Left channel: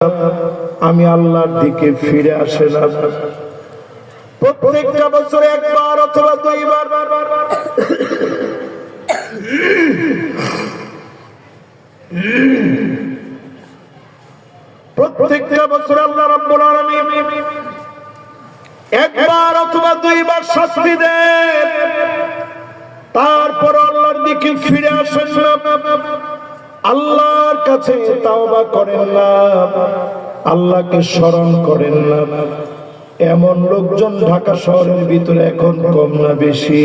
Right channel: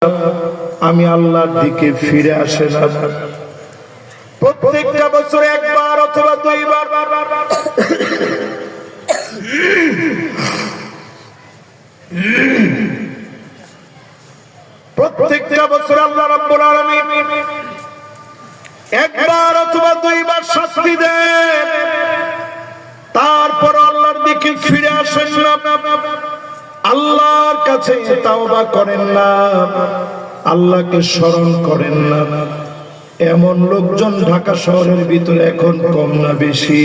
আমি আল্লাহর দিকে ফিরে আসে না। প্রত্যেকটা বছরে একবার অথবা দুইবার প্রত্যেকটা বছরে আল্লাহ রাব্বুল আলামিন একবার অথবা দুইবার শাস্তি দেন, তারপর আল্লাহর দিকে ফিরে আসেন না, আল্লাহর কাছে তাওবা করেন না, আল্লাহকে স্মরণ করেন না। এমন লোকজন ঢাকা শহরের ভিতরে এখন কম না বেশি?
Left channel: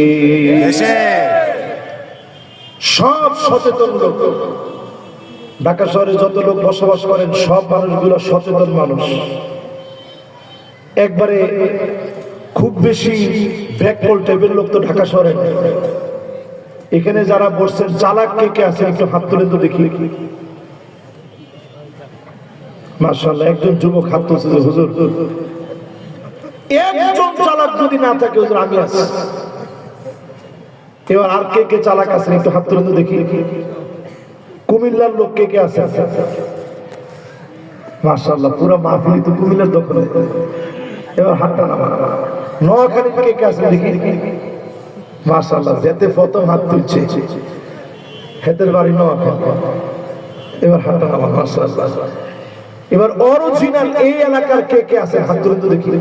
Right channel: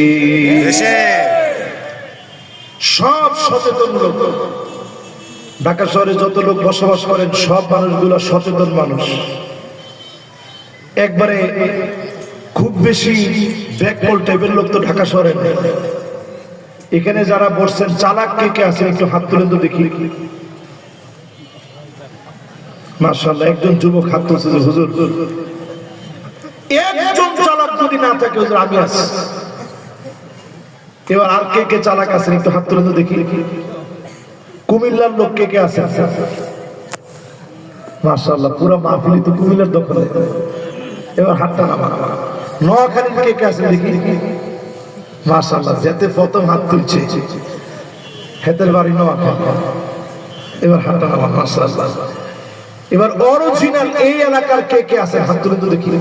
সব সচেতন লোক। ঢাকা শহরে যত লোক বসবাস করেন সব মানুষগুলো সচেতন মানুষ। একবারে খুব বেশি ব্যাককল টাইপের লোক তো ঢাকা শহরে নেই। এখানে যারা বসছেন চালাক কে কে আছে একটু হাত তুলে তো দেখি। মাশাআল্লাহ, একজন যুবক হাত তুলছে যে হুজুর একজন চালাক যদি না থাকে হুজুর আমি আছি। এবার আর কে কে চালাক আছে একটু হাত তুলে তো দেখি। কুমিল্লার লোক কে কে আছে? মাশাআল্লাহ, পুরো মাহফিল তো কুমিল্লার দখলে। এবার হাতটা নামা। নোয়াখালীর কে কে আছে দেখি। মাশাআল্লাহ, যেতে প্রথম হাত তুলছে হেতের বাড়ি নোয়াখালী। এবার হাতটা নামা। মাশাআল্লাহ, এবার অরিজিনাল এই এলাকার কে কে আছে হাত তুলে তো দেখি।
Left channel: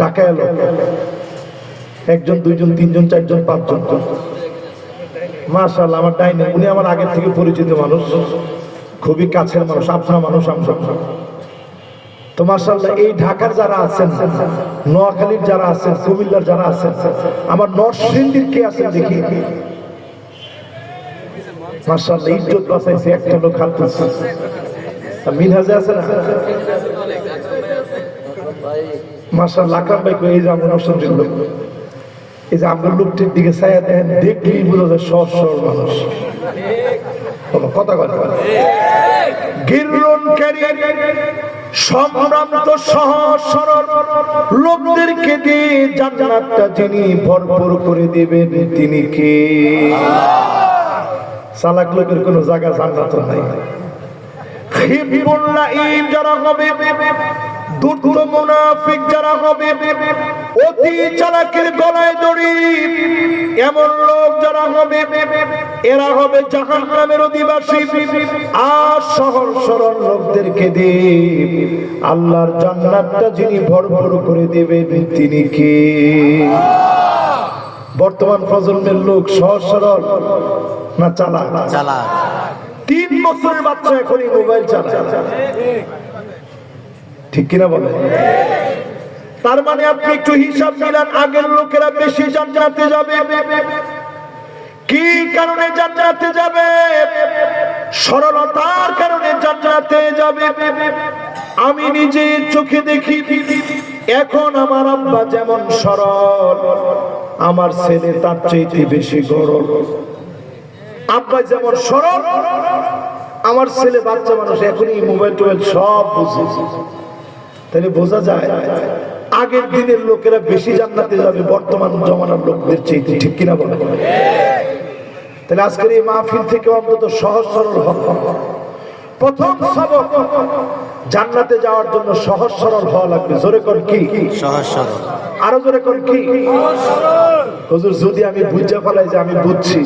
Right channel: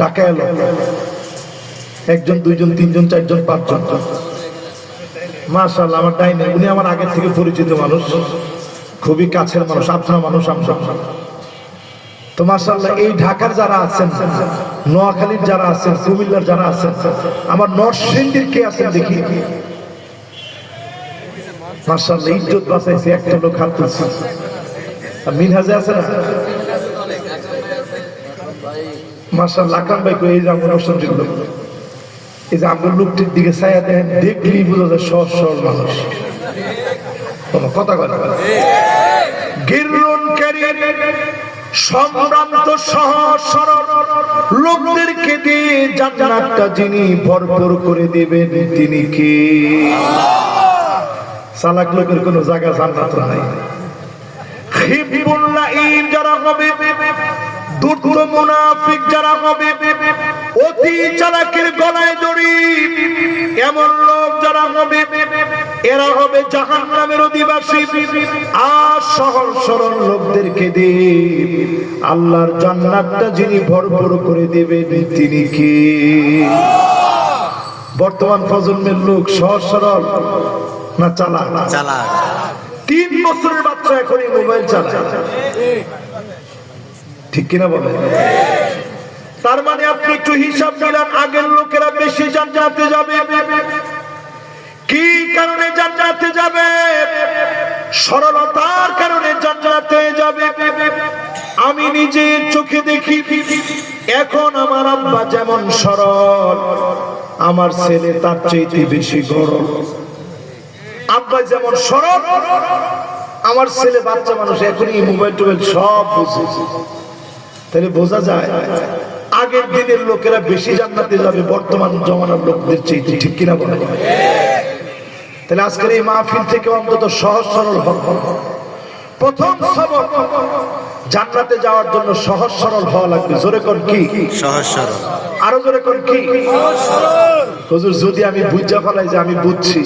ঢাকা এলো একজন, দুইজন, তিনজন, চারজন, পাঁচজন। মাশাআল্লাহ, আমার ডাইনে উনি আমার আগে থেকে পরিচিত মানুষ, খুবই কাছের মানুষ, আপনার মানুষ আমরা। তো মাশাআল্লাহ, এই ঢাকার যারা আছেন, নোয়াখালীর যারা আছেন, কুমিল্লার যারা আছেন, আমার নরসিংদীর কে আছেন দেখি। মাশাআল্লাহ, ইজ্জত বাঁচাইছে একটা লোক হাত তুলছে। মিনহাজে আছে না? মাশাআল্লাহ, আকরাম ভাই কই? এই যে আমার নরসিংদীর লোক, এই যে আমার লোকটির দিকে ছায়া দেখেন, দেখলেই বোঝা যায় সহজ সরল মানুষ। কথা কথা গিররনকারী সম্ভ্রান্ত সহজ সরল লোকদেরকে দিয়ে জান্নাতটা যিনি ভরপুর করে দিবেন তিনি কে? আল্লাহ। চালাক লোকের কোনো জায়গা জান্নাত নাই। খিবুল্লাহিম যারা হবে, দুর্দ মুনাফিক যারা হবে, অতি চালাকের গলায় দড়ি এমন লোক যারা হবে, এরা হবে জাহান্নামের অধিবাসী। আর সহজ সরল লোকদেরকে দিয়ে আল্লাহর জান্নাতটা যিনি ভরপুর করে দিবেন তিনি কে? বর্তমান প্রজন্মের লোক সহজ সরল না চালাক? চালাক। 3 বছরের বাচ্চা এখনই মোবাইল চালায়, ঠিক কিনা বলে? তার মানে আপনি একটু হিসাব মিলান, আগের লোকেরা বেশি জান্নাতে যাবে। কি কারণে জান্নাতে যাবে? সরলতার কারণে জান্নাতে যাবে। আমি নিজের চোখে দেখি, এখন আমার আব্বা যেমন সরল, আমার ছেলে তার চাইতে বেশি গরল। আব্বা যেমন সরল, আমার ছেলে বাচ্চা মানুষ এখনই মোবাইল টোবাইল সব বুঝে। তাহলে বোঝা যায় আগের দিনের লোকেরা বেশি জান্নাতে যাবে বর্তমান জমানার লোকদের চাইতে, ঠিক কিনা বলে? তাহলে আজকের এই মাহফিল থেকে অন্তত সহজ সরল হক। প্রথম সবক, জান্নাতে যাওয়ার জন্য সহজ সরল হওয়া লাগবে। জোরে কোন কি? সহজ সরল। আরো জোরে কোন কি? হুজুর যদি আমি বুঝা ফেলাই যে আমি বুঝছি,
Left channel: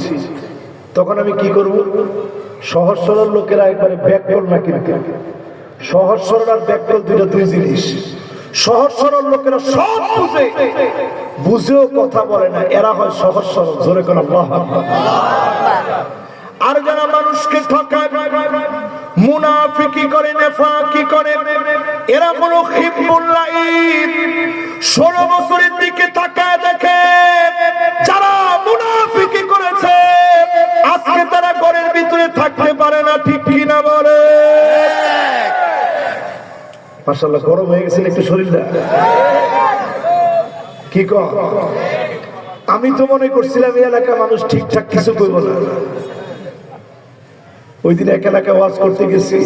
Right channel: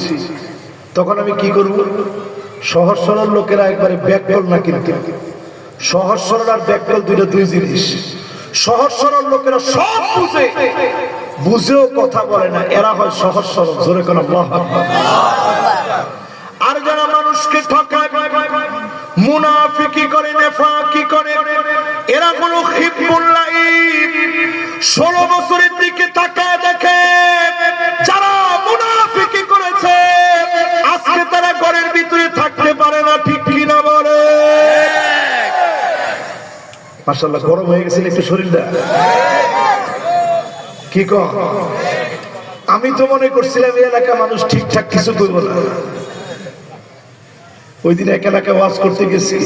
তখন আমি কি করব? সহজ সরল লোকেরা একবারে ব্যাককল না, কিন্তু সহজ সরল আর ব্যাককল দুই জিনিস। সহজ সরল লোকেরা সব বুঝে, বুঝেও কথা বলে না, এরা হয় সহজ সরল। জোরে কোন আল্লাহু আকবার। আর যারা মানুষকে ঠকায়, মুনাফিকি করে, নেফাকি করে, এরা হলো খিবুল্লাহিম। 16 বছরের দিকে তাকায় দেখে যারা মুনাফিকি করেছে আজকে তারা ঘরের ভিতরে থাকতে পারে না, ঠিক কিনা বলে? মাশাআল্লাহ, গরম হয়ে গেছে একটু শরীরটা। কি কর? আমি তো মনে করছিলাম এই এলাকার মানুষ ঠিকঠাক কিছু করবো না। ওই দিন এক এলাকায় ওয়াজ করতে গেছি,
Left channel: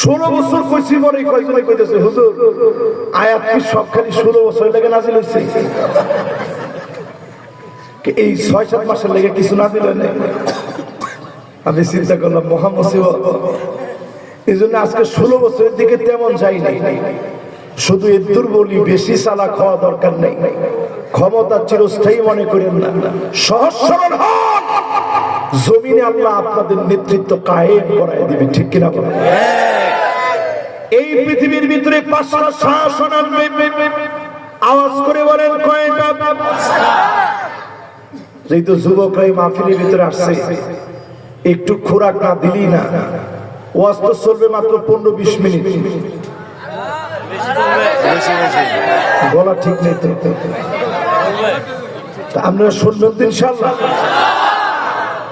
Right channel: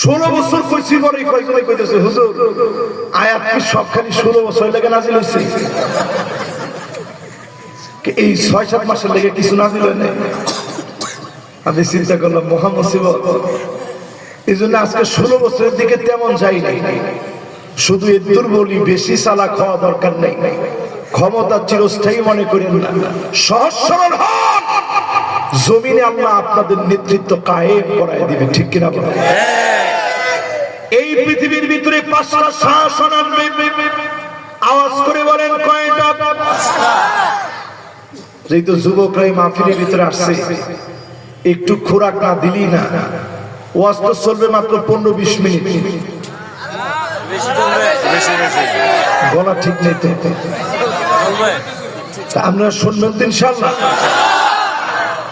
16 বছর কইছি, পরে কয়েকজনে কইতেছে হুজুর আয়াত কি সবখানি 16 বছর লাগে নাজিল হইছে? এই 6-7 মাসের লেগে কিছু নাজিল হয় না? আমি চিন্তা করলাম মোহাম্মদ এই জন্য আজকে 16 বছরের দিকে তেমন যাই নাই, শুধু এদুর বলি বেশি চালাক হওয়া দরকার নেই, ক্ষমতা চিরস্থায়ী মনে করেন না, সহজ সরল হন, জমিনে আল্লাহ আপনাদের নেতৃত্ব কায়েম করায় দিবে, ঠিক কিনা বলেন? এই পৃথিবীর ভিতরে 5টা শাসন আনবে, আওয়াজ করে বলেন কয়টা? যেহেতু যুবকরাই মাহফিলের ভিতরে আসছে, একটু খোরাক না দিলি না, ওয়াজ তো চলবে মাত্র 15-20 মিনিট, বলা ঠিক নেই তো, আপনারা শুনবেন তো ইনশাআল্লাহ।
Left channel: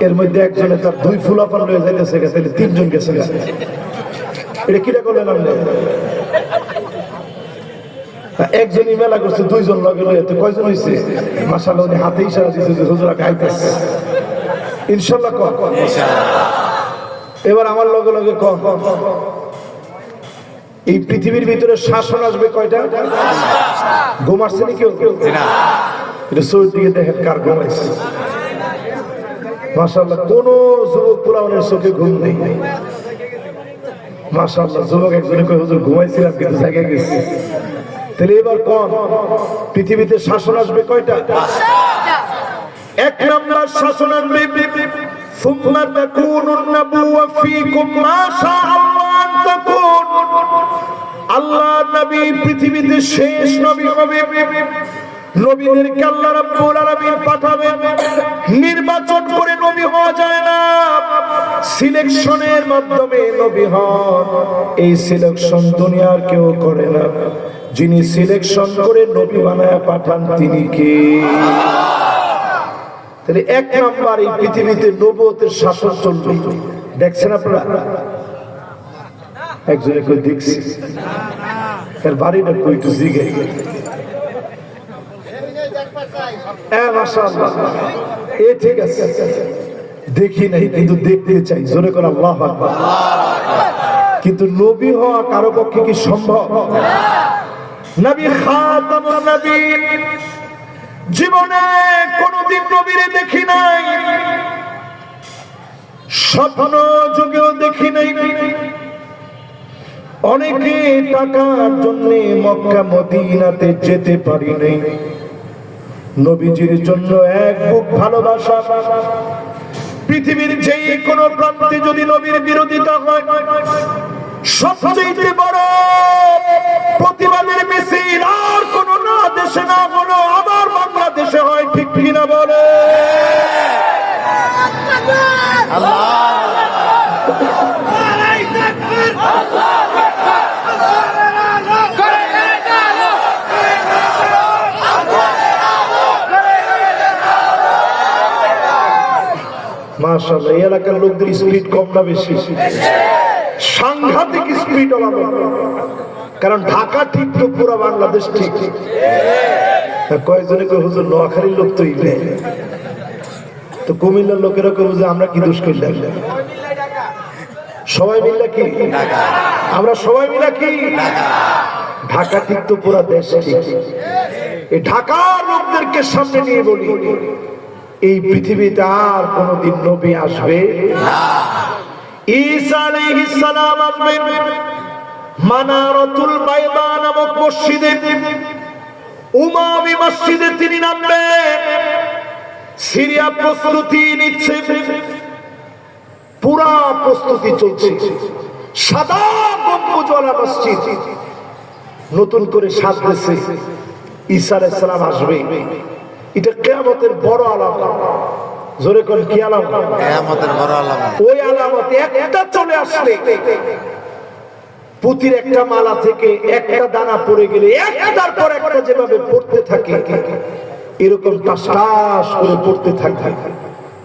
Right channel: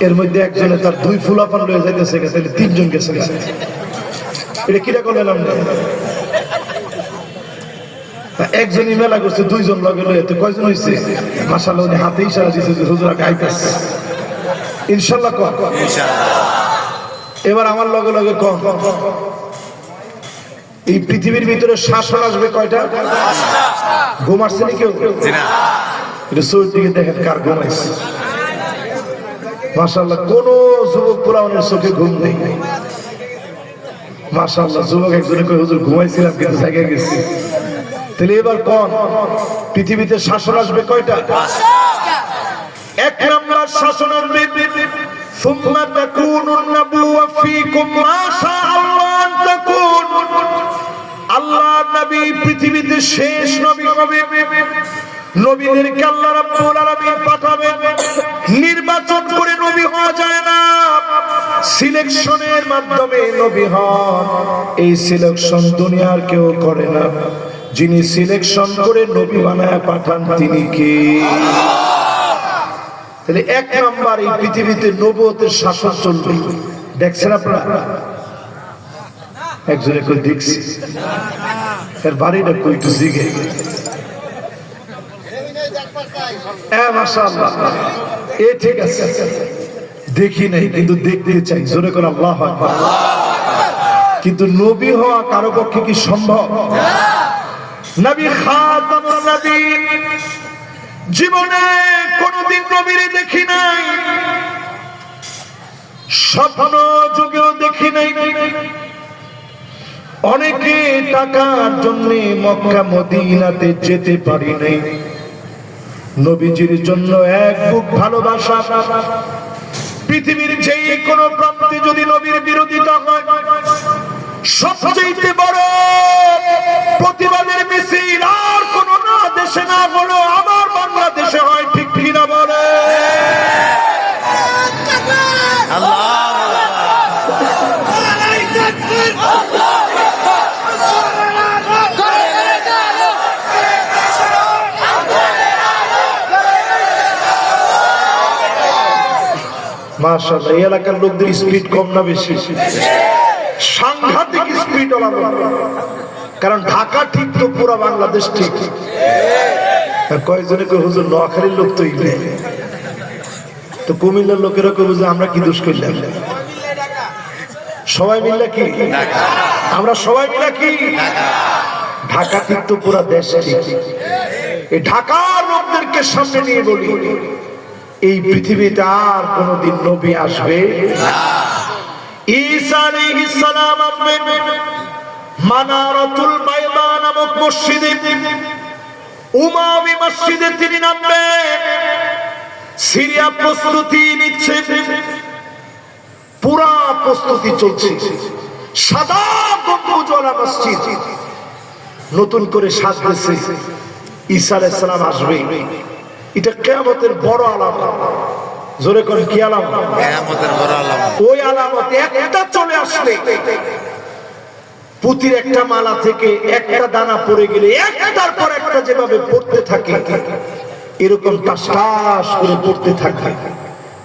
এর মধ্যে একজনে তার 2 ফুলাপান রয়ে যাইতেছে, তাহলে 3 জন গেছে, এটা কিরা করলেন আপনি? একজনই মেলা করছে, 2 জন লগে লয়ে, তো কয়জন হয়েছে? মাশাআল্লাহ, উনি হাতে ইশারা দিয়েছে যে হুজুরা গাইতেছে, ইনশাআল্লাহ কম। এবার আমার লগে লগে কম। এই পৃথিবীর ভিতরে শাসন আসবে কয়টা? ঘুমাচ্ছে নাকি কেউ? এটা সৌর দিকে দেখেন কার ঘুমাইছে। মাশাআল্লাহ, কোন যুবক পুরানের চোখে ঘুম নেই। মাশাআল্লাহ, যুবক একজনে কয় হুজুর ঘুমাইছিলাম কিন্তু জায়গায় গেছি। তাহলে এবার কম, পৃথিবীতে শাসন আসবে কয়টা? 1 নম্বর শাসন আসবে সুম্মা তাকুনুন নাবুওয়া ফীকুম মা শাআল্লাহ আন তাকুন। আল্লাহ নবী পৃথিবীতে শেষ নবী হবে, নবীদেরকে আল্লাহ রাব্বুল আলামিন পাঠাবেন। নির্বাচন করে নবী হওয়া যায় না, সিলেকশনের মাধ্যমে নবী হন। এই সিলেকশন দুনিয়ার কেউ করে না, যিনি সিলেকশন করে নবী বানায় পাঠান তিনি কে? তাহলে 1 নাম্বার, এই পৃথিবীতে নবুয়তের শাসন চলবে। দেখছেন আপনারা? একজনে কই দেখছি, এর বাড়িটা কই তো জিগে। মাশাআল্লাহ, এ ঠিক আছে, দেখি নাই কিন্তু দেখতে চাই, জোরে করে আল্লাহু আকবার। কিন্তু নবী হওয়া কারো পক্ষে কি সম্ভব? নবী খাতামুন নবী, জীবনে কোনদিন নবীরে দেখি নাই, স্বপ্ন যুগেও দেখি নাই। অনেকে টাকার জন্য মক্কা মদিনাতে যেতে পারি নাই। নবীজির জন্য এক বুক ভালোবাসা। পৃথিবীর যে কোনো প্রান্তে যদি নবীর বিরোধিতা হয়, সবচেয়ে বড় প্রতিবাদের মিছিল আর কোন না দেশে না হলো আবার বাংলাদেশে হয়, ঠিক কিনা বলে? মাশাআল্লাহ, এই এলাকার লোকদের স্পিড কম না বেশি? সাংঘাতিক স্পিড ওলা, কারণ ঢাকা ঠিক তো পুরো বাংলাদেশ ঠিক। কয়েকজনে কয় হুজুর নোয়াখালীর লোক তো ইলে, তো কুমিল্লার লোকেরা কয় হুজুর আমরা কি দোষ করলাম? সবাই মিললে কি আমরা সবাই মিলে কি ঢাকা ঠিক তো পুরো দেশ ঠিক। এই ঢাকার লোকদেরকে সামনে নিয়ে বলি, এই পৃথিবীতে আর কোনদিন নবী আসবে না। ঈসা আলাইহিস সালাম আসবেন মানারাতুল বাইদা নামক মসজিদে, উমাবি মসজিদে তিনি নামবেন। সিরিয়া প্রস্তুতি নিচ্ছে, পুরা প্রস্তুতি চলছে। সাদা গম্বুজওয়ালা মসজিদ নতুন করে সাজতেছে। ঈসা আলাইহিস সালাম আসবে, এটা কিয়ামতের বড় আলামত। জোরে করে কি আলামত? কিয়ামতের বড় আলামত। ওই আলামত একটা চলে আসলে পুতির একটা মালা থেকে একটা দানা পড়ে গেলে একটার পর একটা যেভাবে পড়তে থাকে, এরকম টাস টাস করে পড়তে থাকে।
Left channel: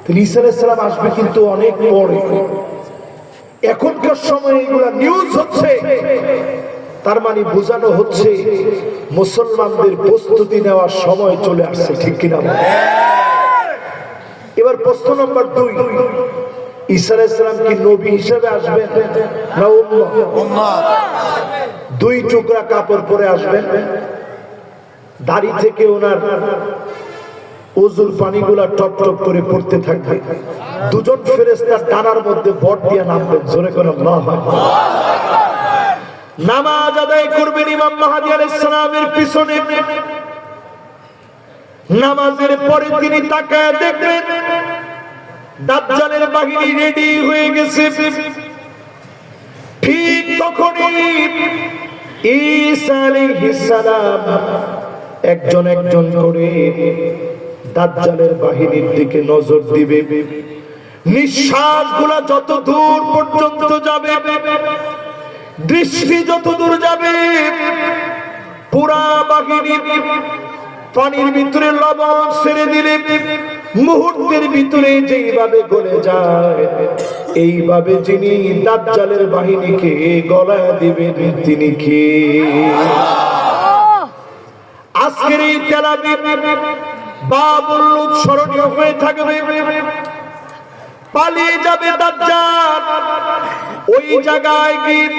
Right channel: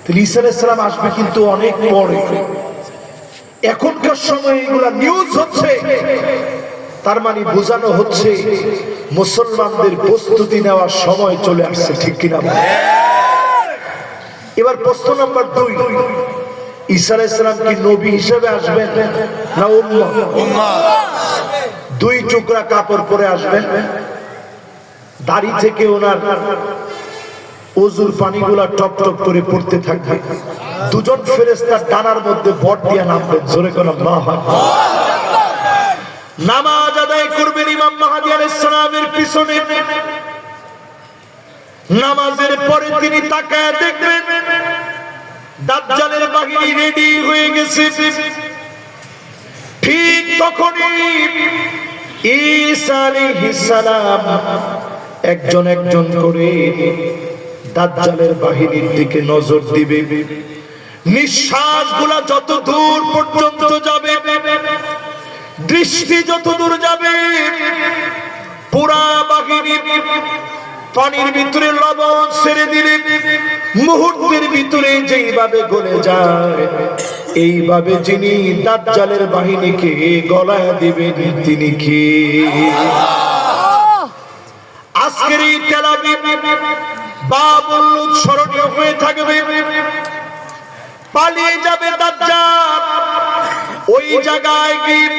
তাহলে ঈসা আলাইহিস সালাম আসবে কিন্তু অনেক পরে। এখনকার সময় এগুলা নিউজ হচ্ছে, তার মানে বোঝানো হচ্ছে মুসলমানদের প্রস্তুতি নেওয়ার সময় চলে আসছে, ঠিক কিনা? এবার প্রশ্ন নাম্বার 2, ঈসা আলাইহিস সালাম কি নবী হিসেবে আসবেন না উম্মত? 2 টুকরা কাপড় পরে আসবেন, দাড়ি থেকে ওনার ওযুর পানিগুলা টপ টপ করে পড়তে থাকবে। দুজন ফেরেশতা ডানার মধ্যে ভর দিয়ে নামবেন, জোরে করে আল্লাহু আকবার। নামাজ আদায় করবেন ইমাম মাহদী আলাইহিস সালামের পিছনে। নামাজের পরে তিনি তাকায় দেখবেন দাজ্জালের বাহিনী রেডি হয়ে গেছে। ঠিক তখনই ঈসা আলাইহিস সালাম একজন একজন করে দাজ্জালের বাহিনীর দিকে নজর দিবে। নিঃশ্বাসগুলো যত দূর পর্যন্ত যাবে, দৃষ্টি যত দূর যাবে, পুরা বাহিনী পানির ভিতরে লবণ ছেড়ে দিলে মুহূর্তের ভিতরে যেইভাবে গলে যায়, এইভাবে যিনি দাজ্জালের বাহিনীকে গলায় দিবেন তিনি কে? আজকের এই তেল আবিব বাবুল লুদ স্মরণীয় হয়ে থাকবে। পালিয়ে যাবে দাজ্জাল, ওই জায়গায় গিয়ে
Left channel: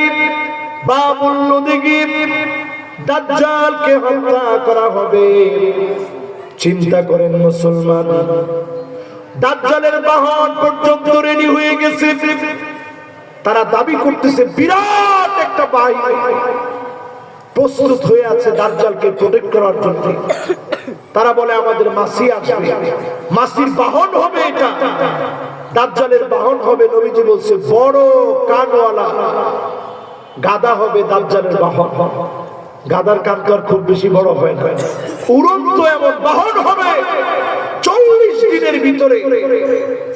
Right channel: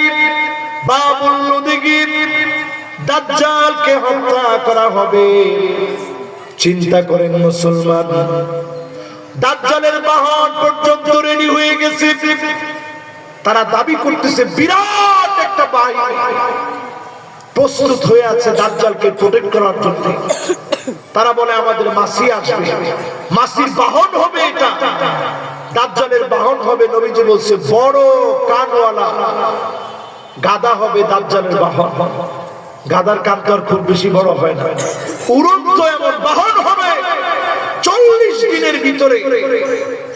বাবুল লুদে গিয়ে দাজ্জালকে হত্যা করা হবে। চিন্তা করেন মুসলমান, দাজ্জালের বাহন পর্যন্ত রেডি হয়ে গেছে। তারা দাবি করতেছে বিরাট একটা বাহিনী প্রস্তুত হয়ে আছে দাজ্জালকে প্রোটেক্ট করার জন্য। তারা বলে আমাদের মাসি আসবে, মাসির বাহন হবে এটা, দাজ্জালের বাহন হবে। নবীজি বলছে বড় কানওয়ালা গাদা হবে দাজ্জালের বাহন। গাদার কান তো আর খুব বেশি বড় হয় না, উড়ন্ত এমন বাহন হবে। 40 দিনের ভিতরে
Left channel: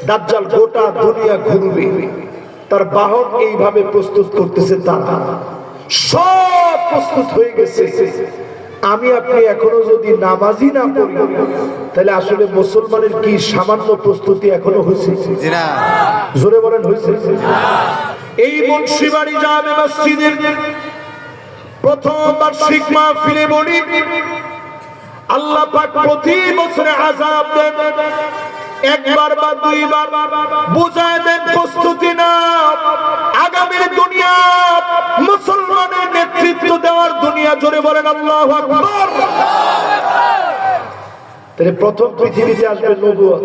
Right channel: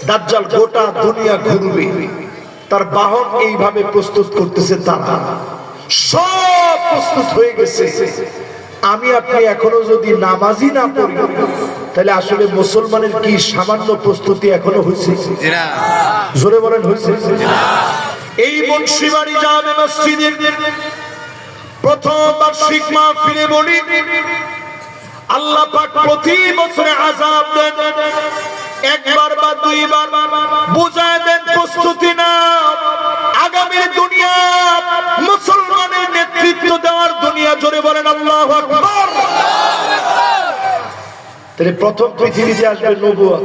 দাজ্জাল গোটা দুনিয়া ঘুরবে। তার বাহন এইভাবে প্রস্তুত করতেছে, তারা সব প্রস্তুত হয়ে গেছে। আমি আপনি এখনো যদি নামাজি না পড়ি, তাহলে আসলে মুসলমানের কি সামান্য প্রস্তুতি এখনো হয়েছে? জোরে বলেন হয়েছে? এই বংশীবাড়ি জামে মসজিদের প্রথম বার্ষিক মাহফিলে বলি, আল্লাহ পাক প্রতি বছরে আযাব দেন, একবার বা দুইবার বুঝায় দেন প্রস্তুতি না। আগামীর দুনিয়া মুসলমানের নেতৃত্ব দেওয়ার দুনিয়া, জোরে বলেন আল্লাহু আকবার। তাহলে প্রথম পৃথিবীতে আসবে নবুয়ত।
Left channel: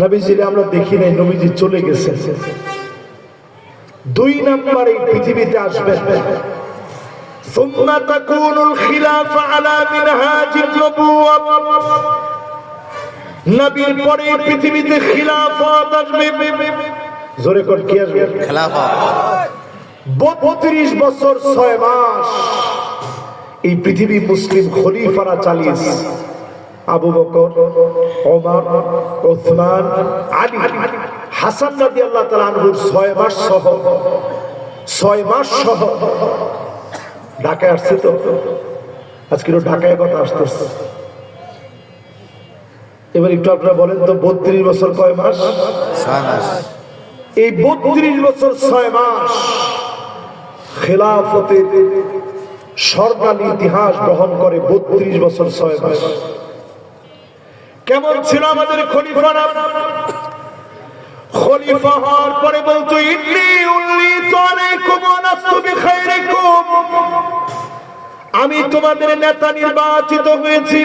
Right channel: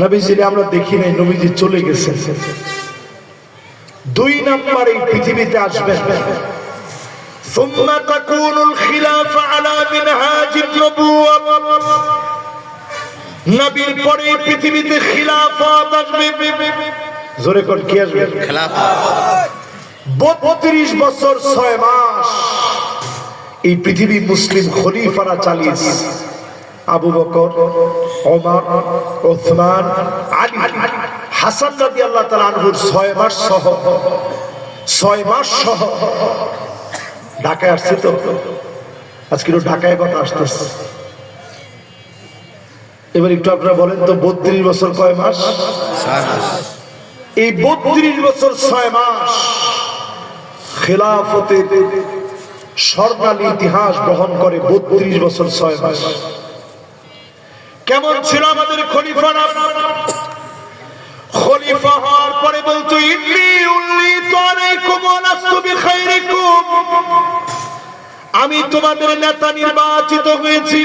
নবীজি আমরা দেখি নাই, নবীজি চলে গেছে। 2 নম্বর এই পৃথিবীতে আসবে ثم تكون الخلافة على منهاج النبوة। নবীর পরে পৃথিবীতে খিলাফত আসবে। জোরে কোন কি আসবে? খিলাফত। 32 বছর 6 মাস এই পৃথিবী মুসলিম খলিফারা চালিয়েছে। আবু বকর, ওমর, ওসমান, আলী, হাসান রাদিয়াল্লাহু তাআলা আনহুর 6 মাস সহ ঢাকায় আসছে। তো আজকেও ঢাকায় কথা আসতেছে। এবার একটু আপনারা বলেন তো 32 বছর কয় মাস? 6 মাস। এই 32 বছর 6 মাস খেলাফতের স্বর্ণালী ইতিহাস বহন করে। 32 বছর 6 মাস কেমন ছিল আমাদের খলিফারা? খলিফা হওয়ার পরে বলতো ইন্নী উল্লিতু আলাইকুম ওয়া লাস্তু বিখাইরিকুম, আমি তোমাদের নেতা নির্বাচিত হয়েছি,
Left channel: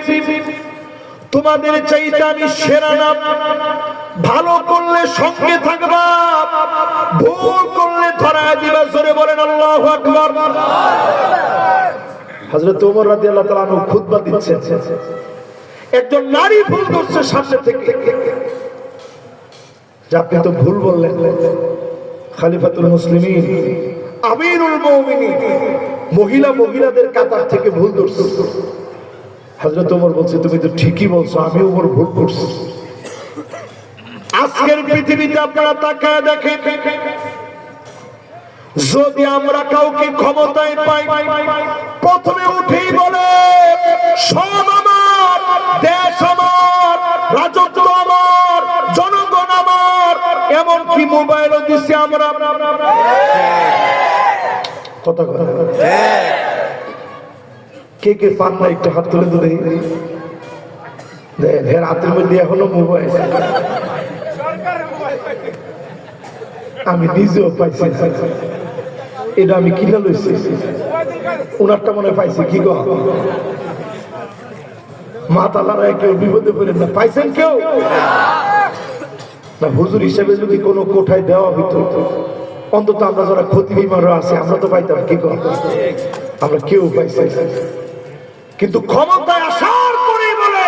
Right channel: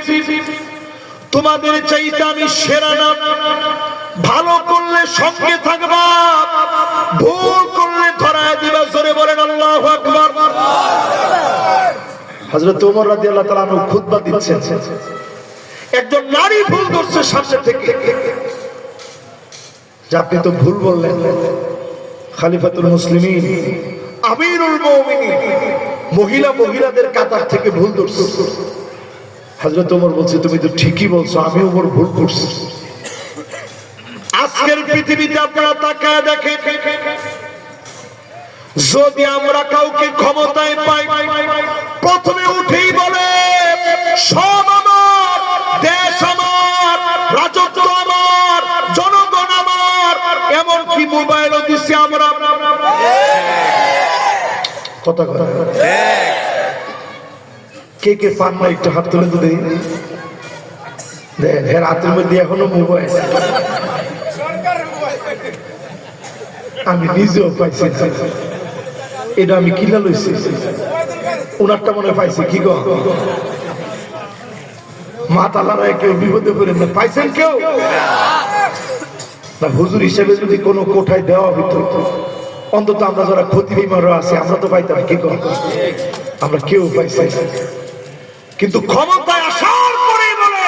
তোমাদের চাইতে আমি সেরা না। ভালো করলে সঙ্গে থাকবা, ভুল করলে ধরায় দিবা। জোরে বলেন আল্লাহু আকবার। হযরত ওমর রাদিয়াল্লাহু তাআলা আনহু খুতবা দিচ্ছেন। একজন নারী ভুল করছে সামনে থেকে, যে আপনি তো ভুল বললেন, খলিফাতুল মুসলিমিন, আমিরুল মুমিনিন, মহিলাদের কাতার থেকে ভুল করছে। হযরত ওমর বলছে তুমি তো ঠিকই বলছো, আমি ওমর ভুল করছি। আজকের পৃথিবীতে আপনারা তাকায় দেখেন, যদি আমরা কাউকে ক্ষমতায় পাই, প্রথমে উঠেই বলে সব আমার, দেশ আমার, রাজত্ব আমার, জনগণ আমার, এমনকি মোবাইলও দিচ্ছি আমরা। কথা কে কে পান না একটু হাত তুলে তুলে দেন। এর হাতের মধ্যে এখনো মোবাইল, আমি নিজেও পাইছি। এটা আমি কিনা লইছি, ওনারটা মনে পাইছি। কি গো মাথা লড়াই কেউ বিপদে পড়ে না, পাইছেন কেউ? না হুজুর হিসেবে যদি কোনো কোঠায় দেওয়া হইতো, অন্তত আমরা যারা ক্ষতি বিমাররা আছি আমরা তো পাইতাম, কি করব? আমরা কেউ পাইছি না। কিন্তু ক্ষমতায় আসার পরে বলে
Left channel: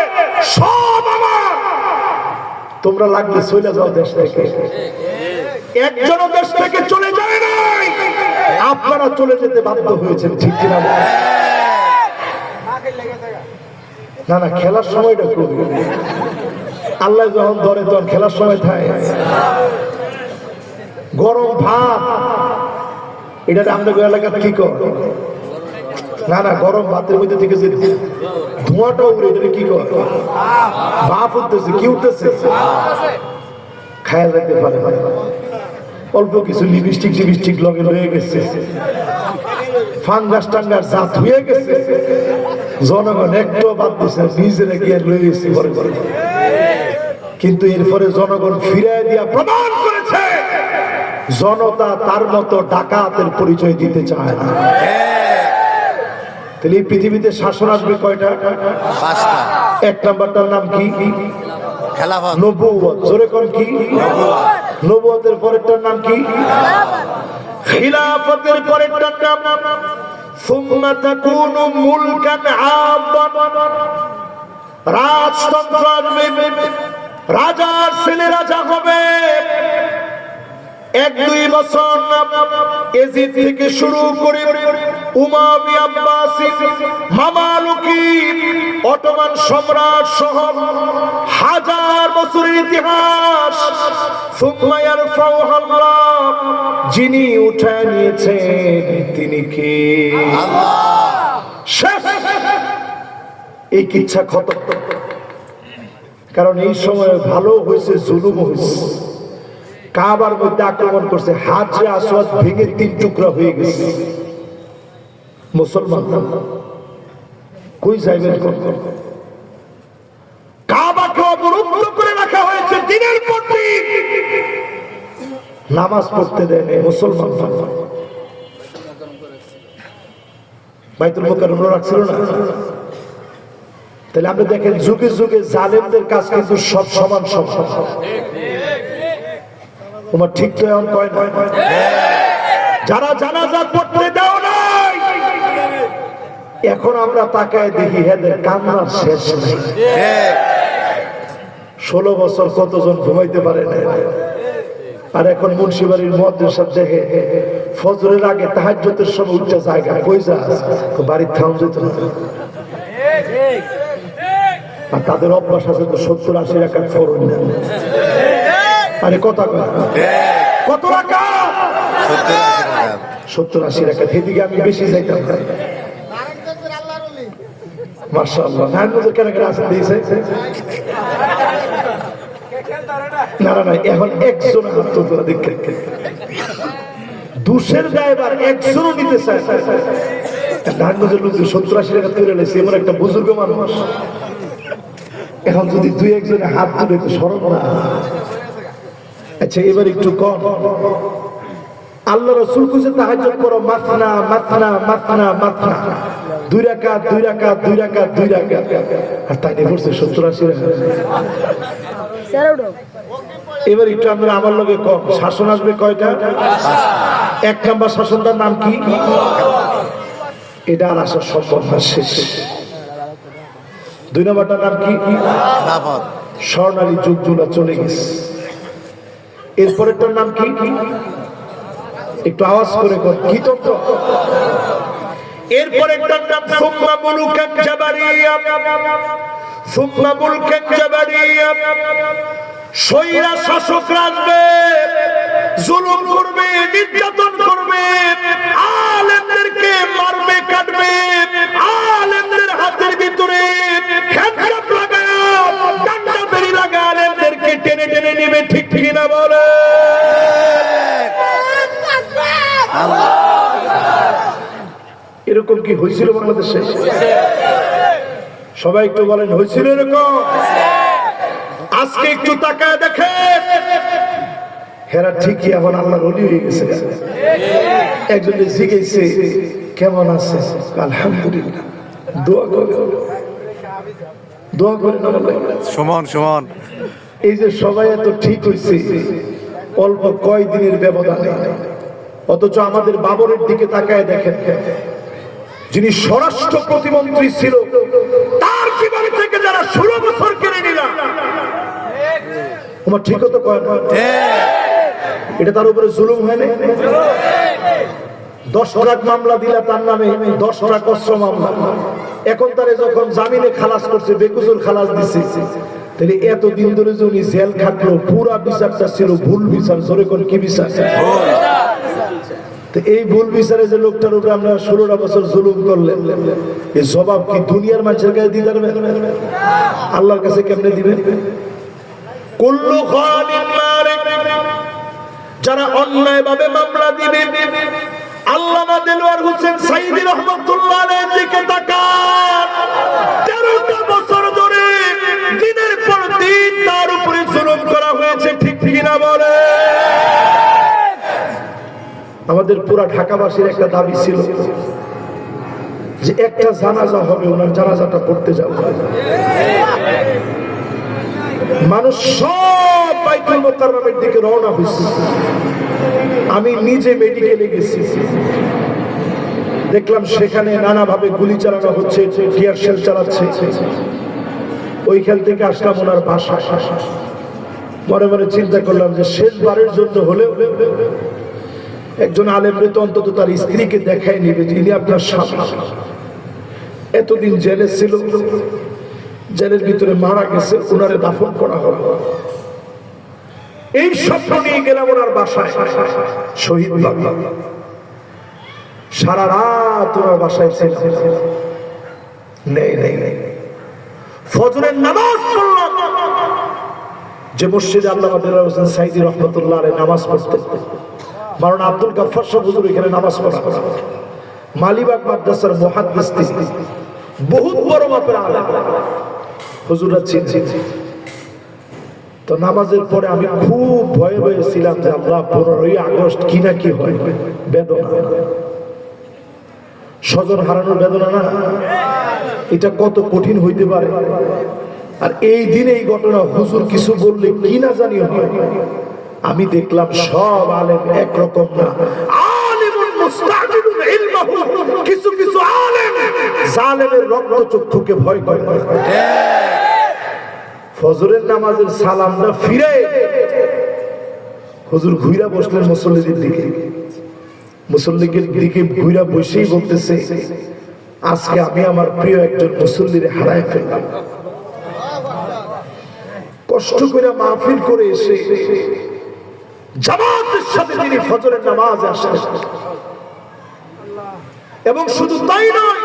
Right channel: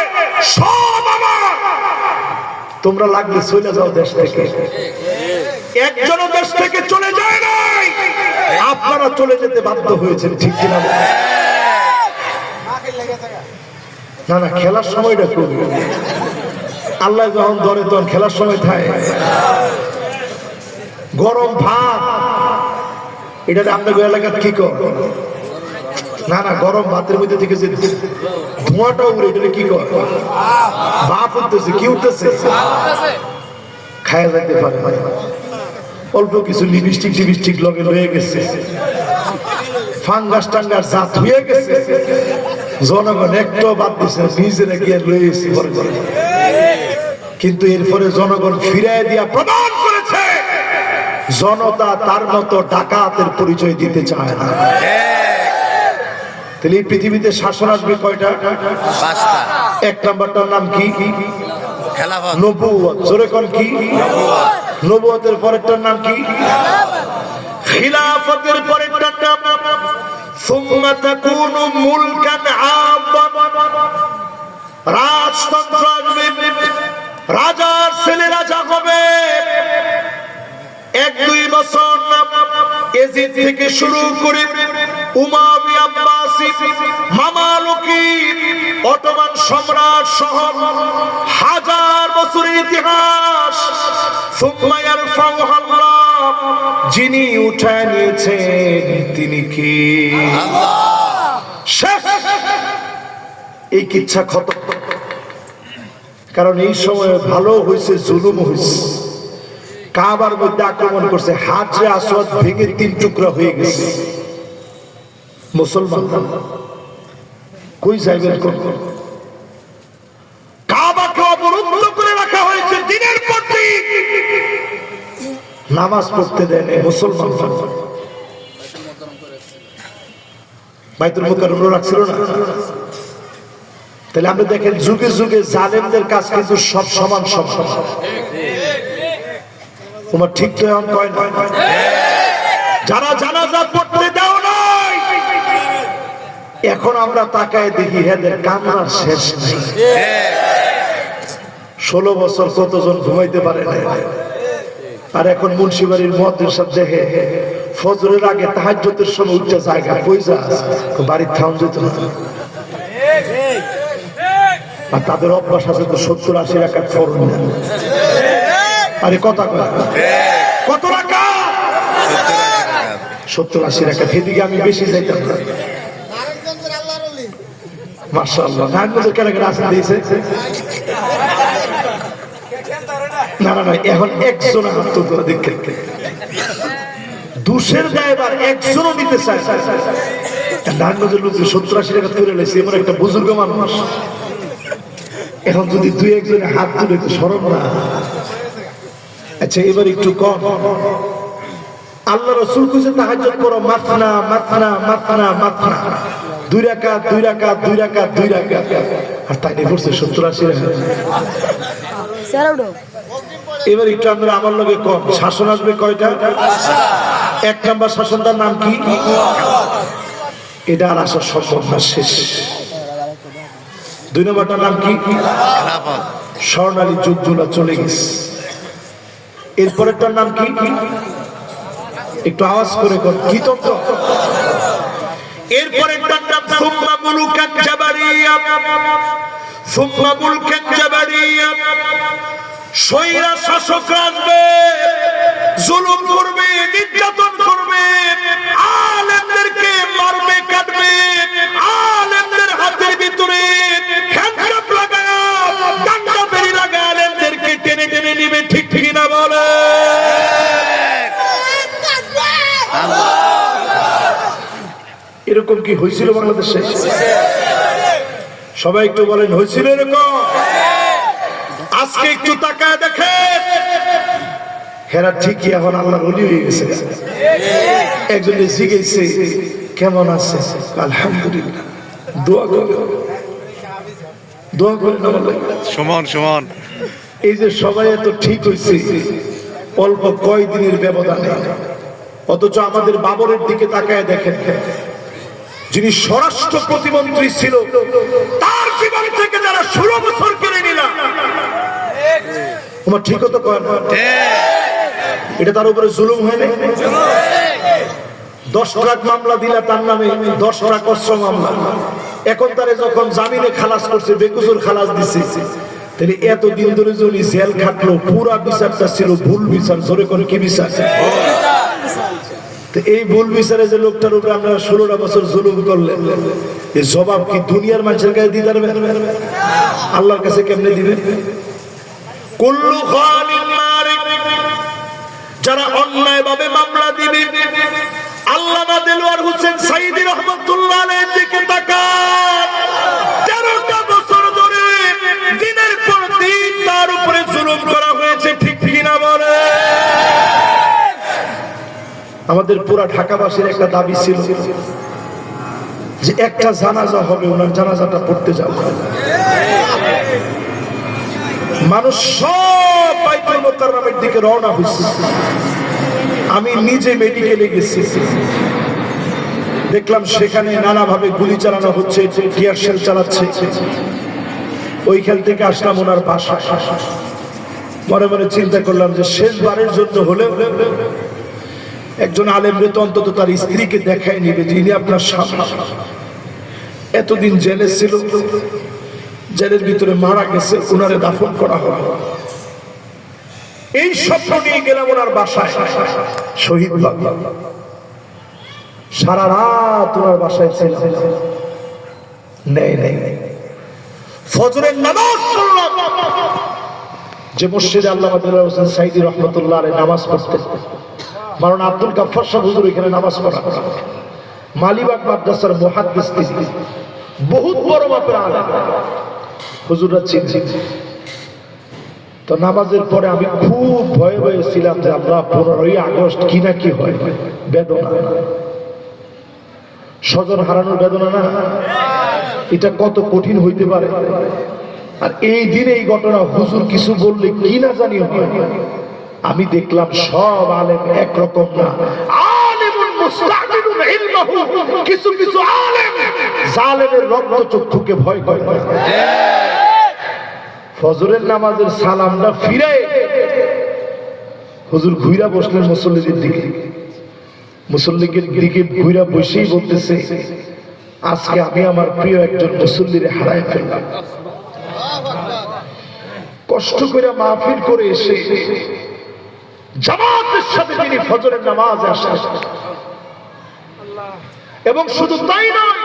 সব আমার, তোমরা লাগলে চলে যাও দেশ থেকে। একজনও দেশ থেকে চলে যায় নাই, আপনারা চলে যেতে বাধ্য হয়েছেন, ঠিক কিনা? না না, খেলার সময়টা করবে আল্লাহ যখন ধরে তখন খেলার সময় থাকে। গরম ভাত এটা আমাদের এলাকার কি কর? না না, গরম ভাতের মধ্যে থেকে যে ধোঁয়াটা উড়ে এটা কি কর? ভাপ উঠতেছে, কি উঠতেছে? খায়া যেতে পারে অল্প কিছু লিপস্টিক টিপস্টিক লগে রয়ে গেছে, ফাঙ্গাস টাঙ্গাস জাত হয়ে গেছে। জনগণ একটু বাদ দিচ্ছে, নিজেরা গিয়ে রয়েছে। কিন্তু এরপরে জনগণ ফিরাই দিয়া প্রমাণ করেছে জনতা তার মতো ডাকাতের পরিচয় দিতে চায় না। তাহলে এই পৃথিবীতে শাসন আসবে কয়টা? 5টা। এক নাম্বারটার নাম কি? খেলাফত। নবুয়ত। জোরে কোন কি? নবুয়ত। নবুয়তের পরেরটার নাম কি? খিলাফতের পরেরটার নাম সুম্মা তাকুনু মুলকান আব্বা। রাজতন্ত্র আসবে, রাজার ছেলে রাজা হবে। 1-2 বছর এজিদ থেকে শুরু করে উমাইয়া আব্বাসি, মামালুকি, অটোমান সম্রাট সহ হাজার বছরের ইতিহাস। সুম্মা ইয়ারফাউহু আল্লাহ, যিনি উঠায় নিয়েছেন তিনি কে? আল্লাহ। শেষ, এই কিচ্ছা খতম। কারণ এই সময় ভালো হয়েছে, জুলুম হয়েছে। কাবার মধ্যে আক্রমণ করছে, হাজরে আসওয়াদ ভেঙে 3 টুকরা হয়ে গেছে। মুসলমান কই যাইবেন? কাবাকে অবরুদ্ধ করে রাখা হয়েছে দিনের পর দিন, নামাজ পড়তে দেয় না মুসলমান। বাইতুল মুকাররম রাখছিল না? তাহলে আমরা দেখেন যুগে যুগে জালেমদের কাজ কিন্তু সব সমান সব সমান। তোমার ঠিক কয় না? যারা জানাজা পড়তে দাও নাই, এখন আমরা তাকায় দেখি এদের কান্নার শেষ নেই। 16 বছর কতজন ঘুমাইতে পারে না। আর এখন মুন্সিবাড়ির মুয়াজ্জিন সাহেব দেখে ফজরের আগে তাহাজ্জুদের সময় উঠতে জায়গা কই যা, বাড়ির থাম যেত না। আর তাদের অভ্যাস আছে তো 70-80 রাকাত ফরজ না। আরে কথা কয়, কত রাকাত? 70-80 রাকাত। এদিকে আমি বেশি যাইতাম না। মাশাআল্লাহ, নারায়ণগঞ্জের কেন কেন আসেন দিয়েছে? না না না, এখন একজন হাত তোলা দেখে দুশের দায়বার একজনও নিতে চায়। নারায়ণগঞ্জের লোক 70-80 রাকাত করে লেছে, এমন একটা বুজুর্গ মানুষ। এখন যদি 2-1 হাত তুলে তো সরব না। আচ্ছা, এবার একটু কম। আল্লাহ রাসূল কইছে তাহাজ্জুদ করো, মাথনা মাথনা মাথনা মাথনা, 2 রাকাত 2 রাকাত 2 রাকাত 2 রাকাত। আর তাই পড়ছে 70-80 রাকাত। এবার একটু আমরা আমার লগে কম। শাসন আসবে কয়টা? 1 নাম্বার শাসনটার নাম কি? এটা আর আসা সম্ভব না, শেষ। 2 নাম্বারটার নাম কি? খেলাফত। স্বর্ণালী যুগগুলো চলে গেছে। এরপরেরটার নাম কি? একটু আওয়াজ করে কর, কি তত্ত্ব? এরপরেরটার নাম সুম্মা মুলুকান জাবারিয়া। সুম্মা মুলকান জাবারিয়া, স্বৈরা শাসকরা আসবে, জুলুম করবে, নির্যাতন করবে, আলেমদেরকে মারবে, কাটবে, আলেমদের হাতের ভিতরে হ্যান্ডকাপ লাগা, ডান্ডা বেরি লাগা, আলেমদেরকে টেনে টেনে নেবে। ঠিক ঠিক না বলে? এরকম কি হয়েছিল বাংলাদেশে? সবাই একটু বলেন, হয়েছিল এরকম? আজকে একটু তাকায় দেখে, হেরা ঠিকই এখন আল্লাহর ওলি হয়ে গেছে। একজন জিজ্ঞেসে কেমন আছে? আলহামদুলিল্লাহ। দোয়া করে, দোয়া করে না বলে সুমন সুমন এই যে সবাই এত ঠিক হয়েছে অল্প কয়দিনের ব্যবধানে, অথচ আমাদের বাবরের দিকে তাকায় দেখেন, যিনি স্বরাষ্ট্র প্রতিমন্ত্রী ছিল তার জীবন থেকে যারা 16 বছর কেড়ে নিলাম, তোমার ঠিক হতো কয় না? এটা তার উপরে জুলুম হয় না? 10 লাখ মামলা দিলা তার নামে, 10 লাখ অস্ত্র মামলা, এখন তারে যখন জামিনে খালাস করছে, বেকসুর খালাস দিচ্ছে, তাহলে এতদিন ধরে যে উনি জেল খাটলো, পুরা বিচারটা ছিল ভুল বিচার। জোরে করে কি বিচার? তো এই ভুল বিচারে যে লোকটার উপর আমরা 16টা বছর জুলুম করলেন, এই জবাব কি দুনিয়ার মানুষের কাছে দিতে পারবেন? আল্লাহর কাছে কেমনে দিবেন? কুল্লু খালিন মারিক, যারা অন্যায় ভাবে মামলা দিবে, আল্লামা দেলোয়ার হোসেন সাইদী রহমাতুল্লাহ আলাইহির দিকে তাকান। 13টা বছর ধরে দিনের পর দিন তার উপরে জুলুম করা হয়েছে, ঠিক কিনা বলে? আমাদের পুরা ঢাকাবাসীর একটা দাবি ছিল যে একটা জানাজা হবে, ওনার জানাজাটা পড়তে যাবো। মানুষ সব বাইতুল মুকাররমের দিকে রওনা হয়েছে। আমি নিজে মেডিকেলে গেছি, দেখলাম সেখানে নানাভাবে গুলি চালানো হচ্ছে, টিয়ার শেল চালাচ্ছে। ওইখান থেকে আসলাম ওনার বাসা। মনে মনে চিন্তা করলাম যে শেষবারের জন্য হলে একজন আলেমরে তো অন্তত তার স্ত্রীকে দেখাই নিবে যে ইনি আপনার স্বামী, এতদিন জেলে ছিল, জেলের ভিতরে মারা গেছে, ওনারে দাফন করা হলো। এই স্বপ্ন নিয়ে গেলাম ওনার বাসায়, শহীদ বাবা। সারা রাত ওনার বাসায় ছিল, নেই ফজরের নামাজ পড়লাম যে মসজিদে আল্লামা দেলোয়ার হোসেন সাইদী রহমাতুল্লাহ আলাইহি নামাজ পড়তেন। মাওলানা আব্দুল গাফফার সাহেব হুজুর এখানে নামাজ পড়া, মালিবাগ মাদ্রাসার মুহাদ্দিস, তিনি বহুত বড় মাপের আলেম, হুজুররা চিনছেন। তো নামাজের পরে আমি খুব ভয়ে ভয়ে ছিলাম যে আল্লাহ 15ই আগস্ট কি না কি হয়, বেদনা, স্বজন হারানোর বেদনা না, এটা কত কঠিন হইতে পারে। আর এই দিনে এই ঘটনা, হুজুর কিছু বললে কি না জানি হয়। আমি দেখলাম সব আলেম একরকম না, আলেমুন মুস্তাজিলুন ইলমাহু, কিছু কিছু আলেম জালেমের রক্তচক্ষুকে ভয় করে। ফজরের নামাজের সালামটা ফিরে হুজুর ঘুইরা বসলেন মুসল্লিদের দিকে, মুসল্লিদের দিকে ঘুইরা বসেই বলতেছে, আজকে আমি আমার প্রিয় একজন মুসল্লিরে হারায় ফেললাম। কষ্ট করে মাহফিল করে এসে জামাতের সাথে তিনি ফজরের নামাজে আসেন, এবং শুধু তাই নয়,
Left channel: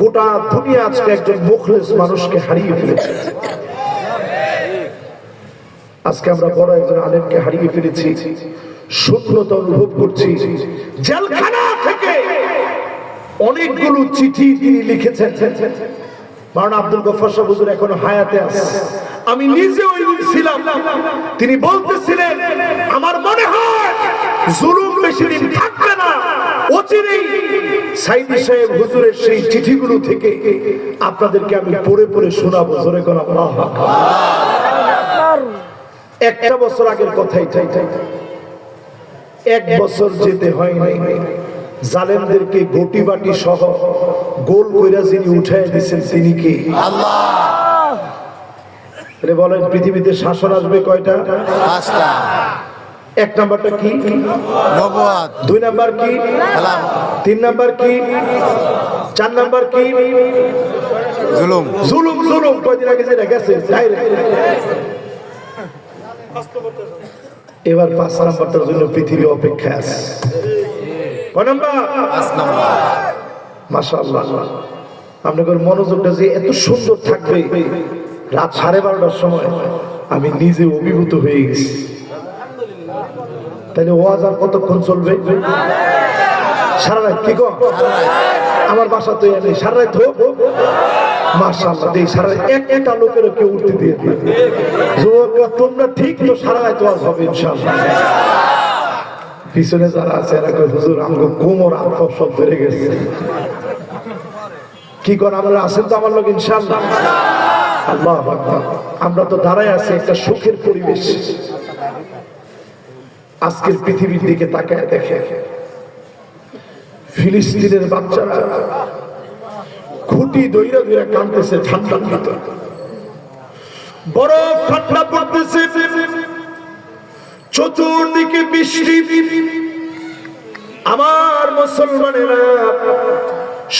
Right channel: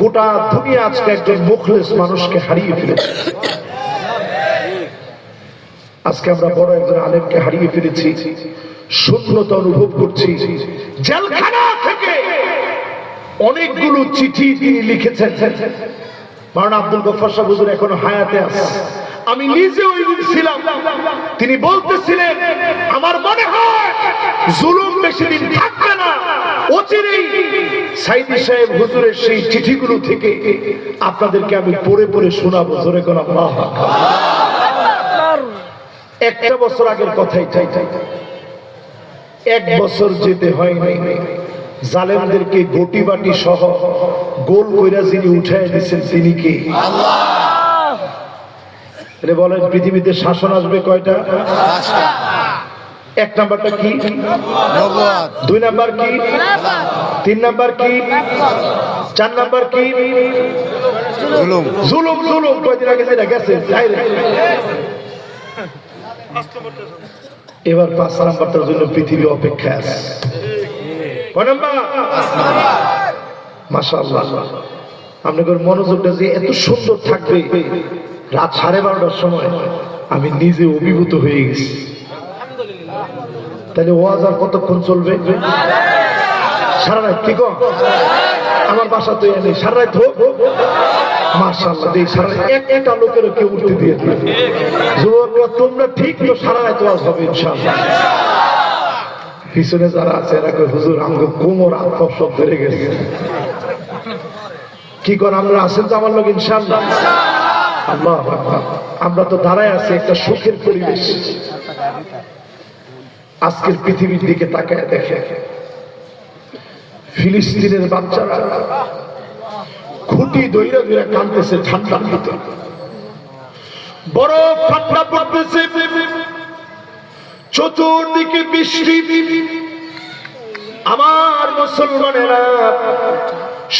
গোটা দুনিয়া আজকে একজন মুখলেস মানুষকে হারিয়ে ফেলেছে। আজকে আমরা বড় একজন আলেমকে হারিয়ে ফেলেছি, শূন্যতা অনুভব করছি। জেলখানা থেকে অনেকগুলো চিঠি তিনি লিখেছেন। মাওলানা আব্দুল গাফফার সাহেব হুজুর এখনো হায়াতে আছে, আমি নিজে ওই দিন ছিলাম। তিনি বলতেছিলেন, আমার মনে হয় জুলুম বেশি দিন থাকবে না, অচিরেই সাইদী সাহেব হুজুরের সেই চিঠিগুলো থেকে আপনাদেরকে আমি পড়ে পড়ে শোনাবো। জোরে করে আল্লাহু আকবার। একটা বছর আগের কথাই, এক বছর যেতে হয় নাই, জালেমদেরকে গটি বাটি সহ গোল কইরা যিনি উঠায় দিচ্ছেন তিনি কে? আল্লাহ। বলেন পৃথিবীতে শাসন আসবে কয়টা? 5টা। এক নাম্বারটা কি? নবুয়ত। 2 নাম্বার কি? খেলাফত। 3 নাম্বার কি? 4 নাম্বার কি? জুলুম। জুলুম। জুলুম কয়দিন আগে যেটা গেছে, এবার 5 নাম্বারটার জন্য পৃথিবী অপেক্ষা আছে। কয় নাম্বার? 5 নাম্বার। মাশাআল্লাহ, আপনাদের মনোযোগটা যে এত সুন্দর থাকবে, রাত 12:30টার সময় আমি নিজে অভিভূত হয়ে গেছি। তাহলে ওয়াজ আর কতক্ষণ চলবে? সারা রাত। কি গো, আমার বাসা তো এনে সারা রাত হোক। মাশাআল্লাহ, দেই সারা একটা লোকের কেউ উঠতে দিয়ে দিবে। তোমরা ঠিক তো সারা রাত ওয়াজ হবে ইনশাআল্লাহ। পিছনে যারা আছে এরা কয় হুজুর আমাকে কোমর আফর সব ধরে গেছে। কি কর, আমরা আছেন তো আমার লোক ইনশাআল্লাহ। আল্লাহু আকবার। আমরা তো দাঁড়ায় আছি একটা সুখের পরিবেশ। আজকের পৃথিবীর দিকে তাকায় দেখে ফিলিস্তিনের বাচ্চারা খুঁটি দইরা দইরা কাঁদতেছে ঠান্ডার ভিতর, বরফ ঠান্ডা পড়তেছে, চতুর্দিকে বৃষ্টি। আমার মুসলমানেরা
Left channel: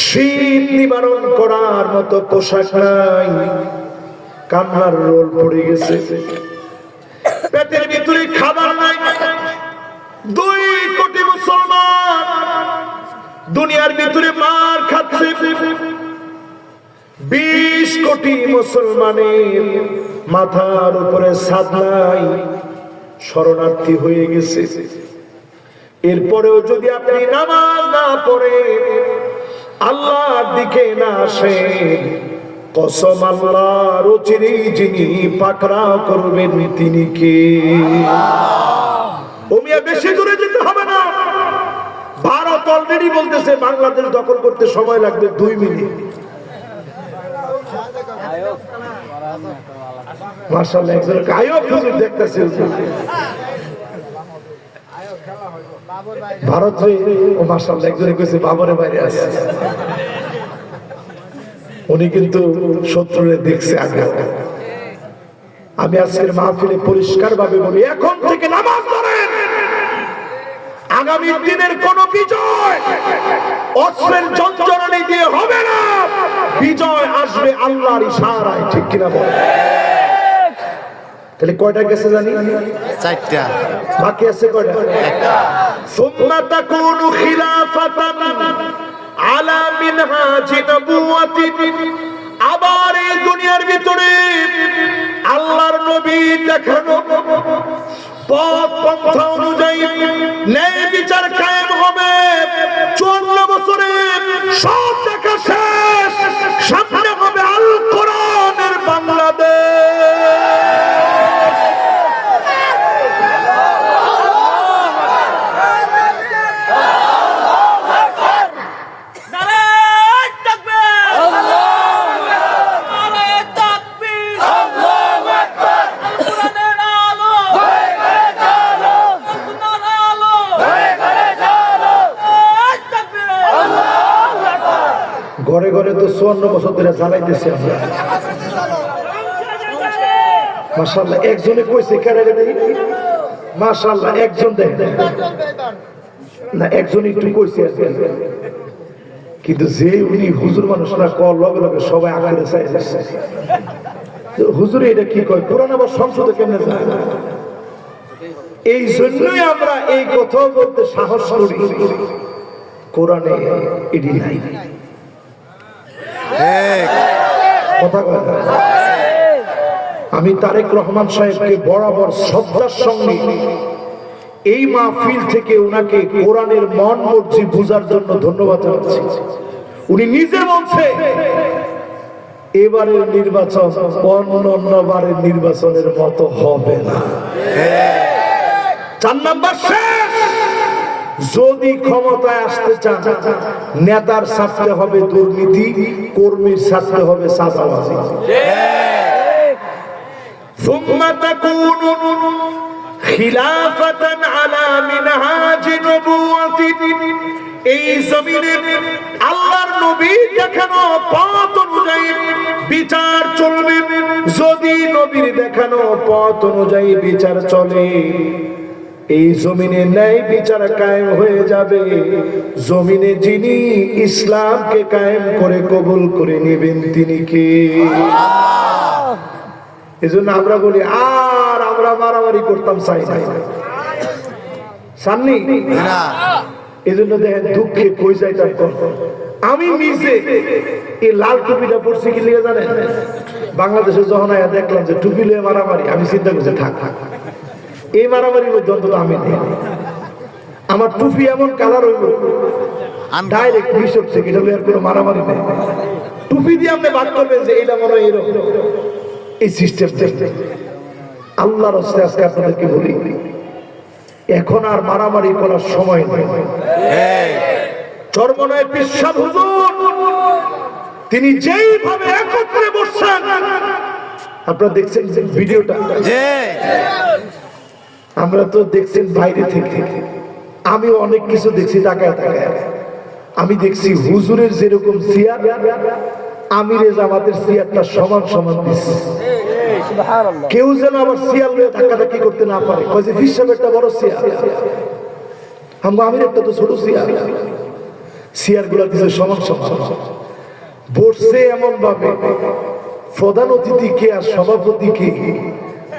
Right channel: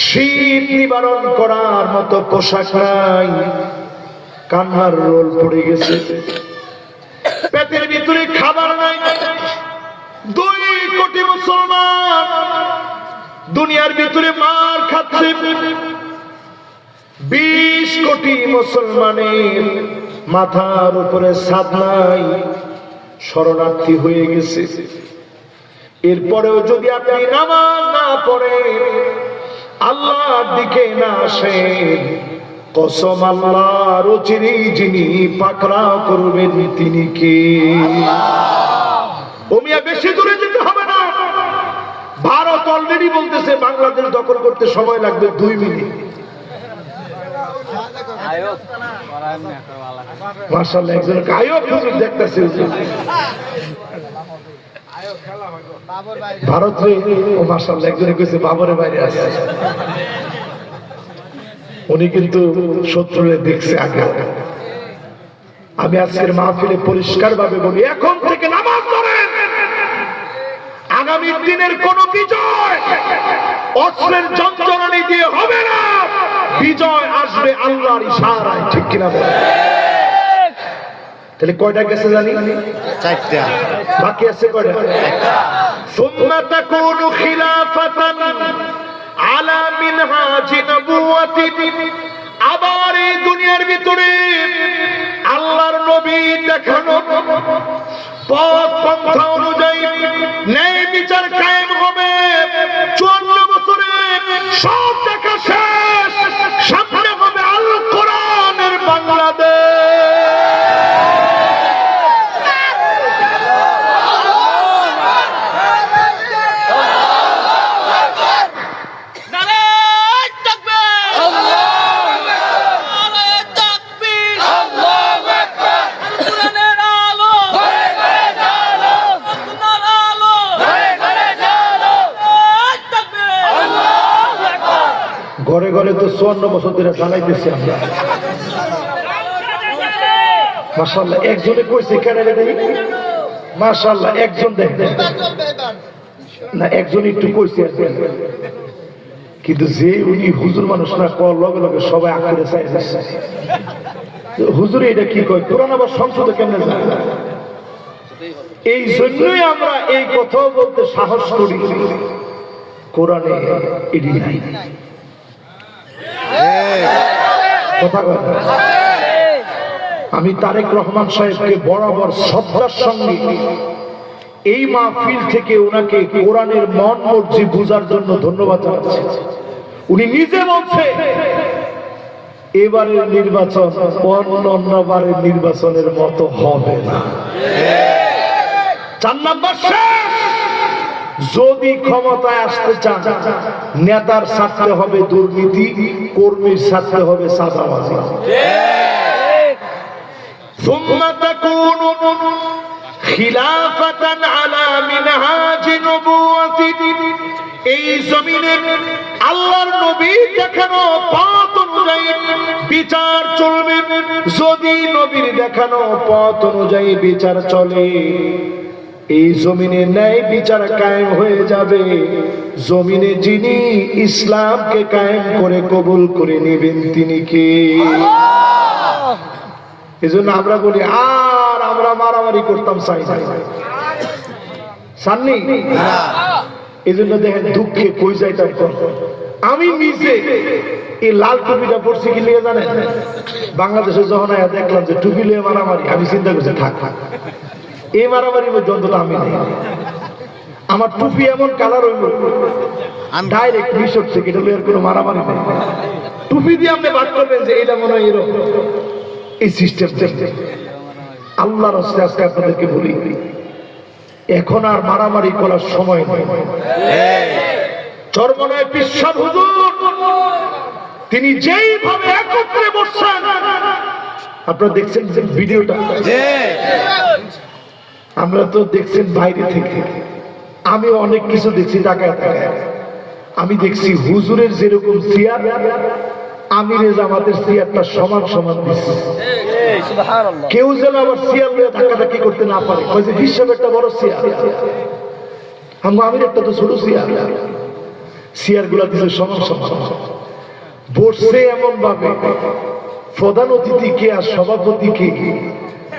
শীত নিবারণ করার মতো পোশাক নাই, কান্নার রোল পড়ে গেছে, পেটের ভিতরে খাবার নাই। 2 কোটি মুসলমান দুনিয়ার ভিতরে মার খাচ্ছে। 20 কোটি মুসলমানের মাথার উপরে ছাদ নাই, শরণার্থী হয়ে গেছে। এরপরেও যদি আপনি নামাজ না পড়েন, আল্লাহর দিকে না আসেন, কসম আল্লাহর চিরেই যিনি পাকড়াও করবেন তিনি কে? ও মিয়া, বেশি দূরে যেতে হবে না। ভারত অলরেডি বলতেছে বাংলাদেশ দখল করতে সময় লাগবে 2 মিনিট। মাশাআল্লাহ, একজন গায়ক হুজুর দেখতেছে ভারত রে। ও মাশাআল্লাহ, একজনে কইছে বাবরে বাইরে আছে। উনি কিন্তু শত্রুরে দেখছে আগে। আমি আজকের মাহফিলে পরিষ্কার ভাবে বলি, এখন থেকে নামাজ পড়েন। আগামী দিনের কোন বিজয় অস্ত্রের যন্ত্রণী দিয়ে হবে না, বিজয় আসবে আল্লাহর ইশারায়। ঠিক কিনা বলেন? তাহলে কয়টা গেছে জানি? 4টা। বাকি আছে কয়টা? 1টা। ثم تكون خلافة على منهاج نبوة। আবার এই দুনিয়ার ভিতরে আল্লাহর নবী দেখানো পথ পন্থা অনুযায়ী ন্যায় বিচার কায়েম হবে। 54 বছরে সব দেখা শেষ, সামনে হবে আল কোরআনের বাংলাদেশ। ঘরে ঘরে তো 54 বছর ধরে জ্বালাইতেছি আমরা। মাশাআল্লাহ, একজনে কইছে কেন রে দেই? মাশাআল্লাহ, একজন দেখেন না, একজন একটু কইছে আছে, কিন্তু যে উনি হুজুর মানুষ না, কল লগে লগে সবাই আকারে চাই যাচ্ছে। হুজুর এটা কি কয়? কোরআন আবার সংসদে কেমনে যায়? এই জন্যই আমরা এই কথা বলতে সাহস করি, কোরআনে এটি নাই। কথা কয় না। আমি তারেক রহমান সাহেবকে বরাবর শ্রদ্ধার সঙ্গে এই মাহফিল থেকে ওনাকে কোরআনের মন মর্জি বুঝার জন্য ধন্যবাদ জানাচ্ছি। উনি নিজে বলছে এবারের নির্বাচন অন্যবারের নির্বাচনের মতো হবে না। 4 নম্বর শেষ। যদি ক্ষমতায় আসতে চান, নেতার ছাড়তে হবে দুর্নীতি, কর্মীর ছাড়তে হবে চাঁদাবাজি। ثم تكون خلافة على منهاج نبوة। এই জমিনে আল্লাহর নবী দেখানো পথ অনুযায়ী বিচার চলবে। যদি নবীর দেখানো পথ অনুযায়ী বিচার চলে, এই জমিনে ন্যায় বিচার কায়েম হয়ে যাবে। জমিনে যিনি ইসলামকে কায়েম করে কবুল করে নেবেন তিনি কে? এজন্য আমরা বলি, আর আমরা মারামারি করতাম চাই না, সামনে। এজন্য দেখেন দুঃখে কই যাইতাম। আমি নিজে এই লাল টুপিটা পড়ছি কি লিয়ে জানেন? বাংলাদেশে যখন দেখলাম যে টুপি লিয়ে মারামারি, আমি চিন্তা করছি থাক, এই মারামারির মধ্যে অন্তত আমি নেই। আমার টুপি এমন কালার হইল ডাইরেক্ট কৃষক থেকে, এটা এর কোনো মারামারি নেই। টুপি দিয়ে আপনি বাদ করবেন যে এটা মনে হয় এরকম, এই সিস্টেম। আল্লাহর রাস্তায় আজকে আপনাদেরকে বলি, এখন আর মারামারি করার সময় নেই। চরমনায় পিসাব হুজুর তিনি যেইভাবে একত্রে বসছেন, আপনারা দেখছেন যে ভিডিওটা, জি আমরা তো দেখছেন বাইরে থেকে, আমি অনেক কিছু দেখছি তাকায় তাকায়। আমি দেখছি হুজুরের যেরকম চেয়ার, আমিরে জামাতের চেয়ারটা সমান সমান দিচ্ছে। কেউ যেন আবার চেয়ার নিয়ে ধাক্কাধাক্কি করতে না পারে, কয়েছে হিসাব একটা বড় চেয়ার, আমির একটা তো ছোট চেয়ার। চেয়ার গুলা দিচ্ছে সমান সমান, বসছে এমন ভাবে প্রধান অতিথি কে আর সভাপতি কে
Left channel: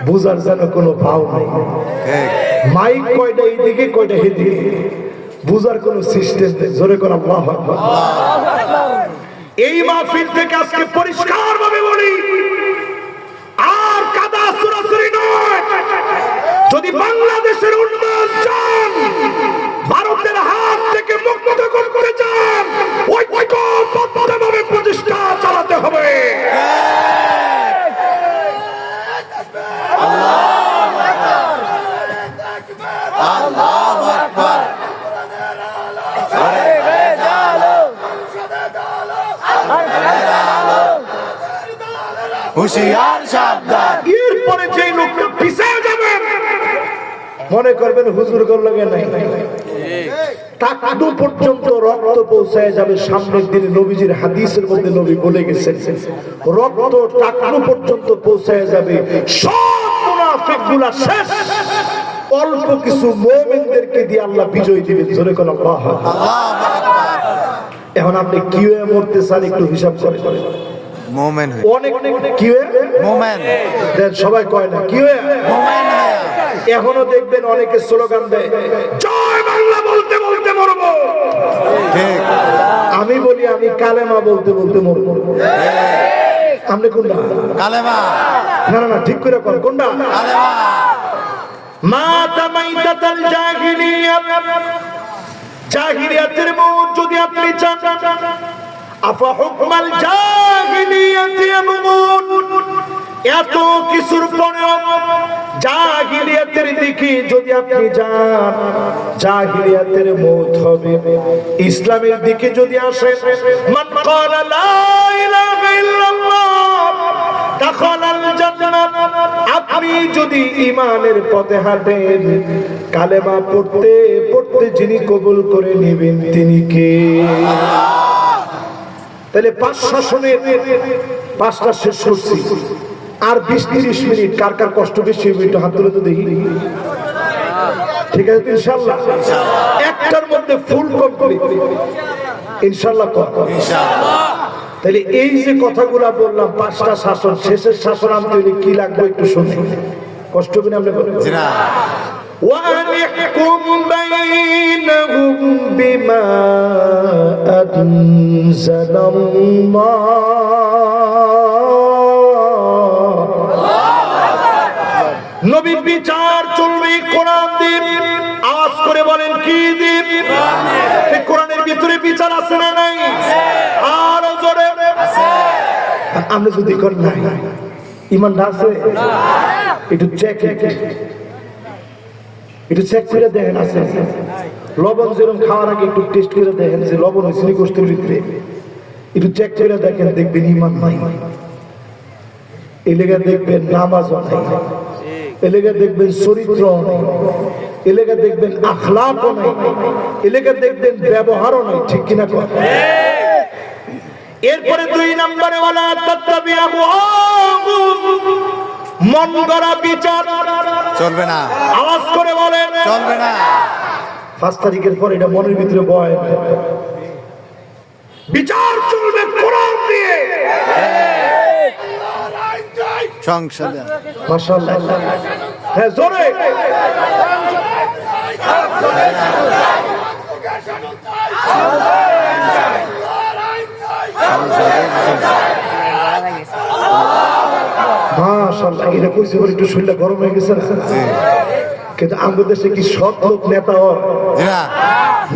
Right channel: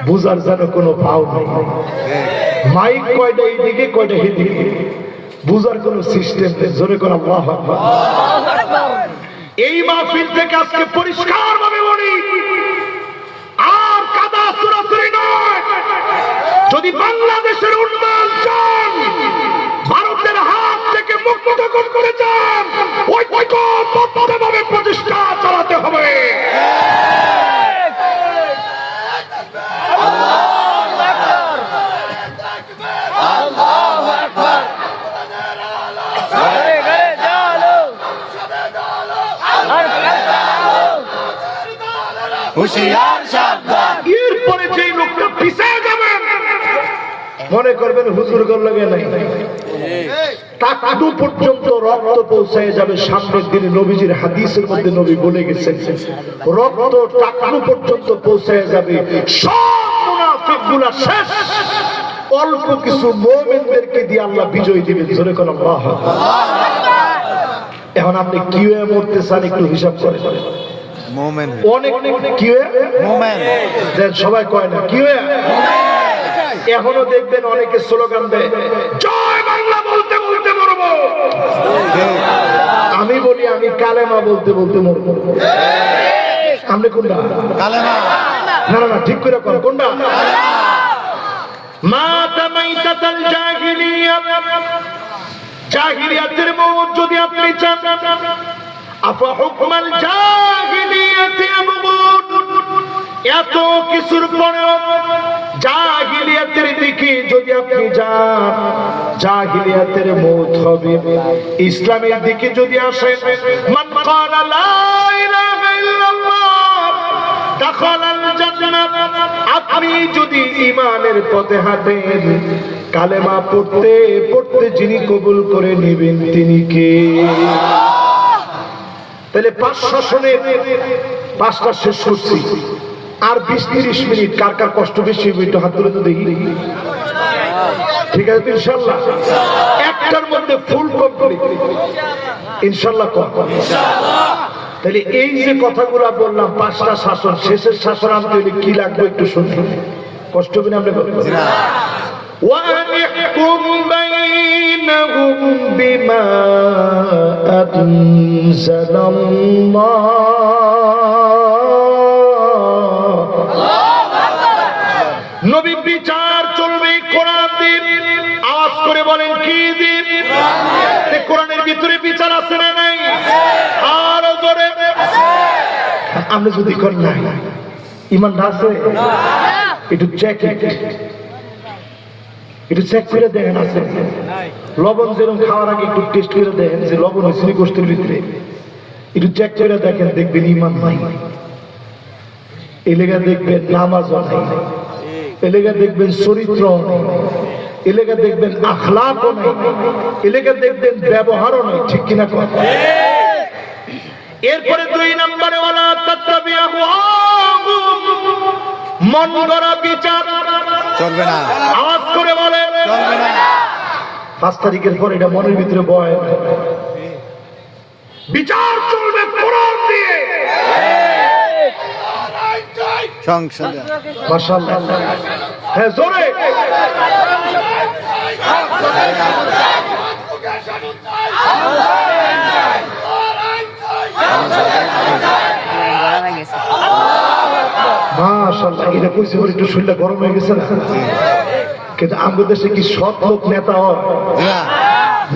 বুঝার যেন কোনো ভাও নাই। মাইক কয়টা এইদিকে কয়টা এদিকে, বুঝার কোন সিস্টেম নেই। জোরে কোন আল্লাহু আকবার। এই মাহফিল থেকে আজকে পরিষ্কার ভাবে বলি, আর কাদা সরাসরি নয়। যদি বাংলাদেশের উন্নয়ন চান, ভারতের হাত থেকে মুক্ত করতে চান, ঐক্যবদ্ধভাবে প্রচেষ্টা চালাতে হবে। হুশিয়ার সাবধান। এরপরে যে লোকটা পিছিয়ে যাবেন, মনে করবেন হুজুর লাগে নাই, টাকটু পর্যন্ত রক্ত পৌঁছায় যাবে। সামনের দিনে নবীজির হাদিসের মধ্যে নবী বলে গেছেন, রক্ত টাকটু পর্যন্ত পৌঁছায় যাবে। সব মুনাফিকগুলা শেষ, অল্প কিছু মুমিনদেরকে দিয়ে আল্লাহ বিজয় দিবেন। জোরে কোন আল্লাহু আকবার। এখন আপনি কি হয়ে মরতে চান একটু হিসাব করে। মোমেন অনেক কি হয়ে মোমেন, সবাই কয় না কি হয়ে। এখনো দেখবেন অনেকে স্লোগান দেয়, জয় বাংলা বলতে বলতে মরবো। আমি বলি আমি কালেমা বলতে বলতে মরবো। আপনি কোনটা? কালেমা। না না না, ঠিক করে কোনটা? কালেমা। মা তামাইতাতাল জাহিলিয়াত, জাহিলিয়াতের মউত যদি আপনি চান, আফা হুকমাল জাহিলিয়াতি ইয়ামুত। এত কিছুর পরে জাহিলিয়াতের দিকে যদি আপনি যান, জাহিলিয়াতের মউত হবে। ইসলামের দিকে যদি আসেন, মান ক্বালা লা ইলাহা ইল্লাল্লাহ দাখালাল জান্নাহ। আপনি যদি ঈমানের পথে হাঁটেন, কালেমা পড়তে পড়তে যিনি কবুল করে নেবেন তিনি কে? তাহলে 5 শাসনের 5টা শেষ করছি, আর 20-30 মিনিট। কার কার কষ্ট বেশি হবে একটু হাত তুলে তো দেখি। ঠিক আছে ইনশাআল্লাহ, একটার মধ্যে ফুল কমপ্লিট ইনশাআল্লাহ। তাহলে এই যে কথাগুলো বললাম, 5টা শাসন, শেষের শাসন আনতে হলে কি লাগবে একটু শুনি। কষ্ট হবে না? আমরা وَأَنِحْكُمْ بَيْنَهُمْ بِمَا أَنزَلَ اللَّهُ। নবীর বিচার চলবে কোরআন দিয়ে। আওয়াজ করে বলেন কি দিয়ে? কোরআনের ভিতরে বিচার আছে না নাই? আর জোরে আমরা যদি করি নাই, ঈমান আছে একটু চেক করে দেখেন আছে। লবণ যেরকম খাওয়ার আগে একটু টেস্ট করে দেখেন যে লবণ হয়েছিল গোষ্ঠীর ভিতরে, একটু চেক করে দেখেন, দেখবেন ঈমান নাই। এলাকা দেখবেন নামাজও নাই, এলাকা দেখবেন চরিত্র নাই, এলাকা দেখবেন আখলাকও নাই, এলাকা দেখবেন ব্যবহারও নাই। ঠিক কিনা? এরপরে 2 নম্বরে ওয়ালা তাত্তাবিউ মন গড়া বিচার চলবে না। আওয়াজ করে বলেন চলবে না। 5 তারিখের পর এটা মনের ভিতরে বয় না। বিচার চলবে কোরআন দিয়ে। সংসদে মাশাআল্লাহ, হ্যাঁ জোরে। মাশাআল্লাহ, এটা কইছে বলে একটু শরীরটা গরম হয়ে গেছে না? কিন্তু আমাদের দেশে কি সৎ লোক নেতা হয়?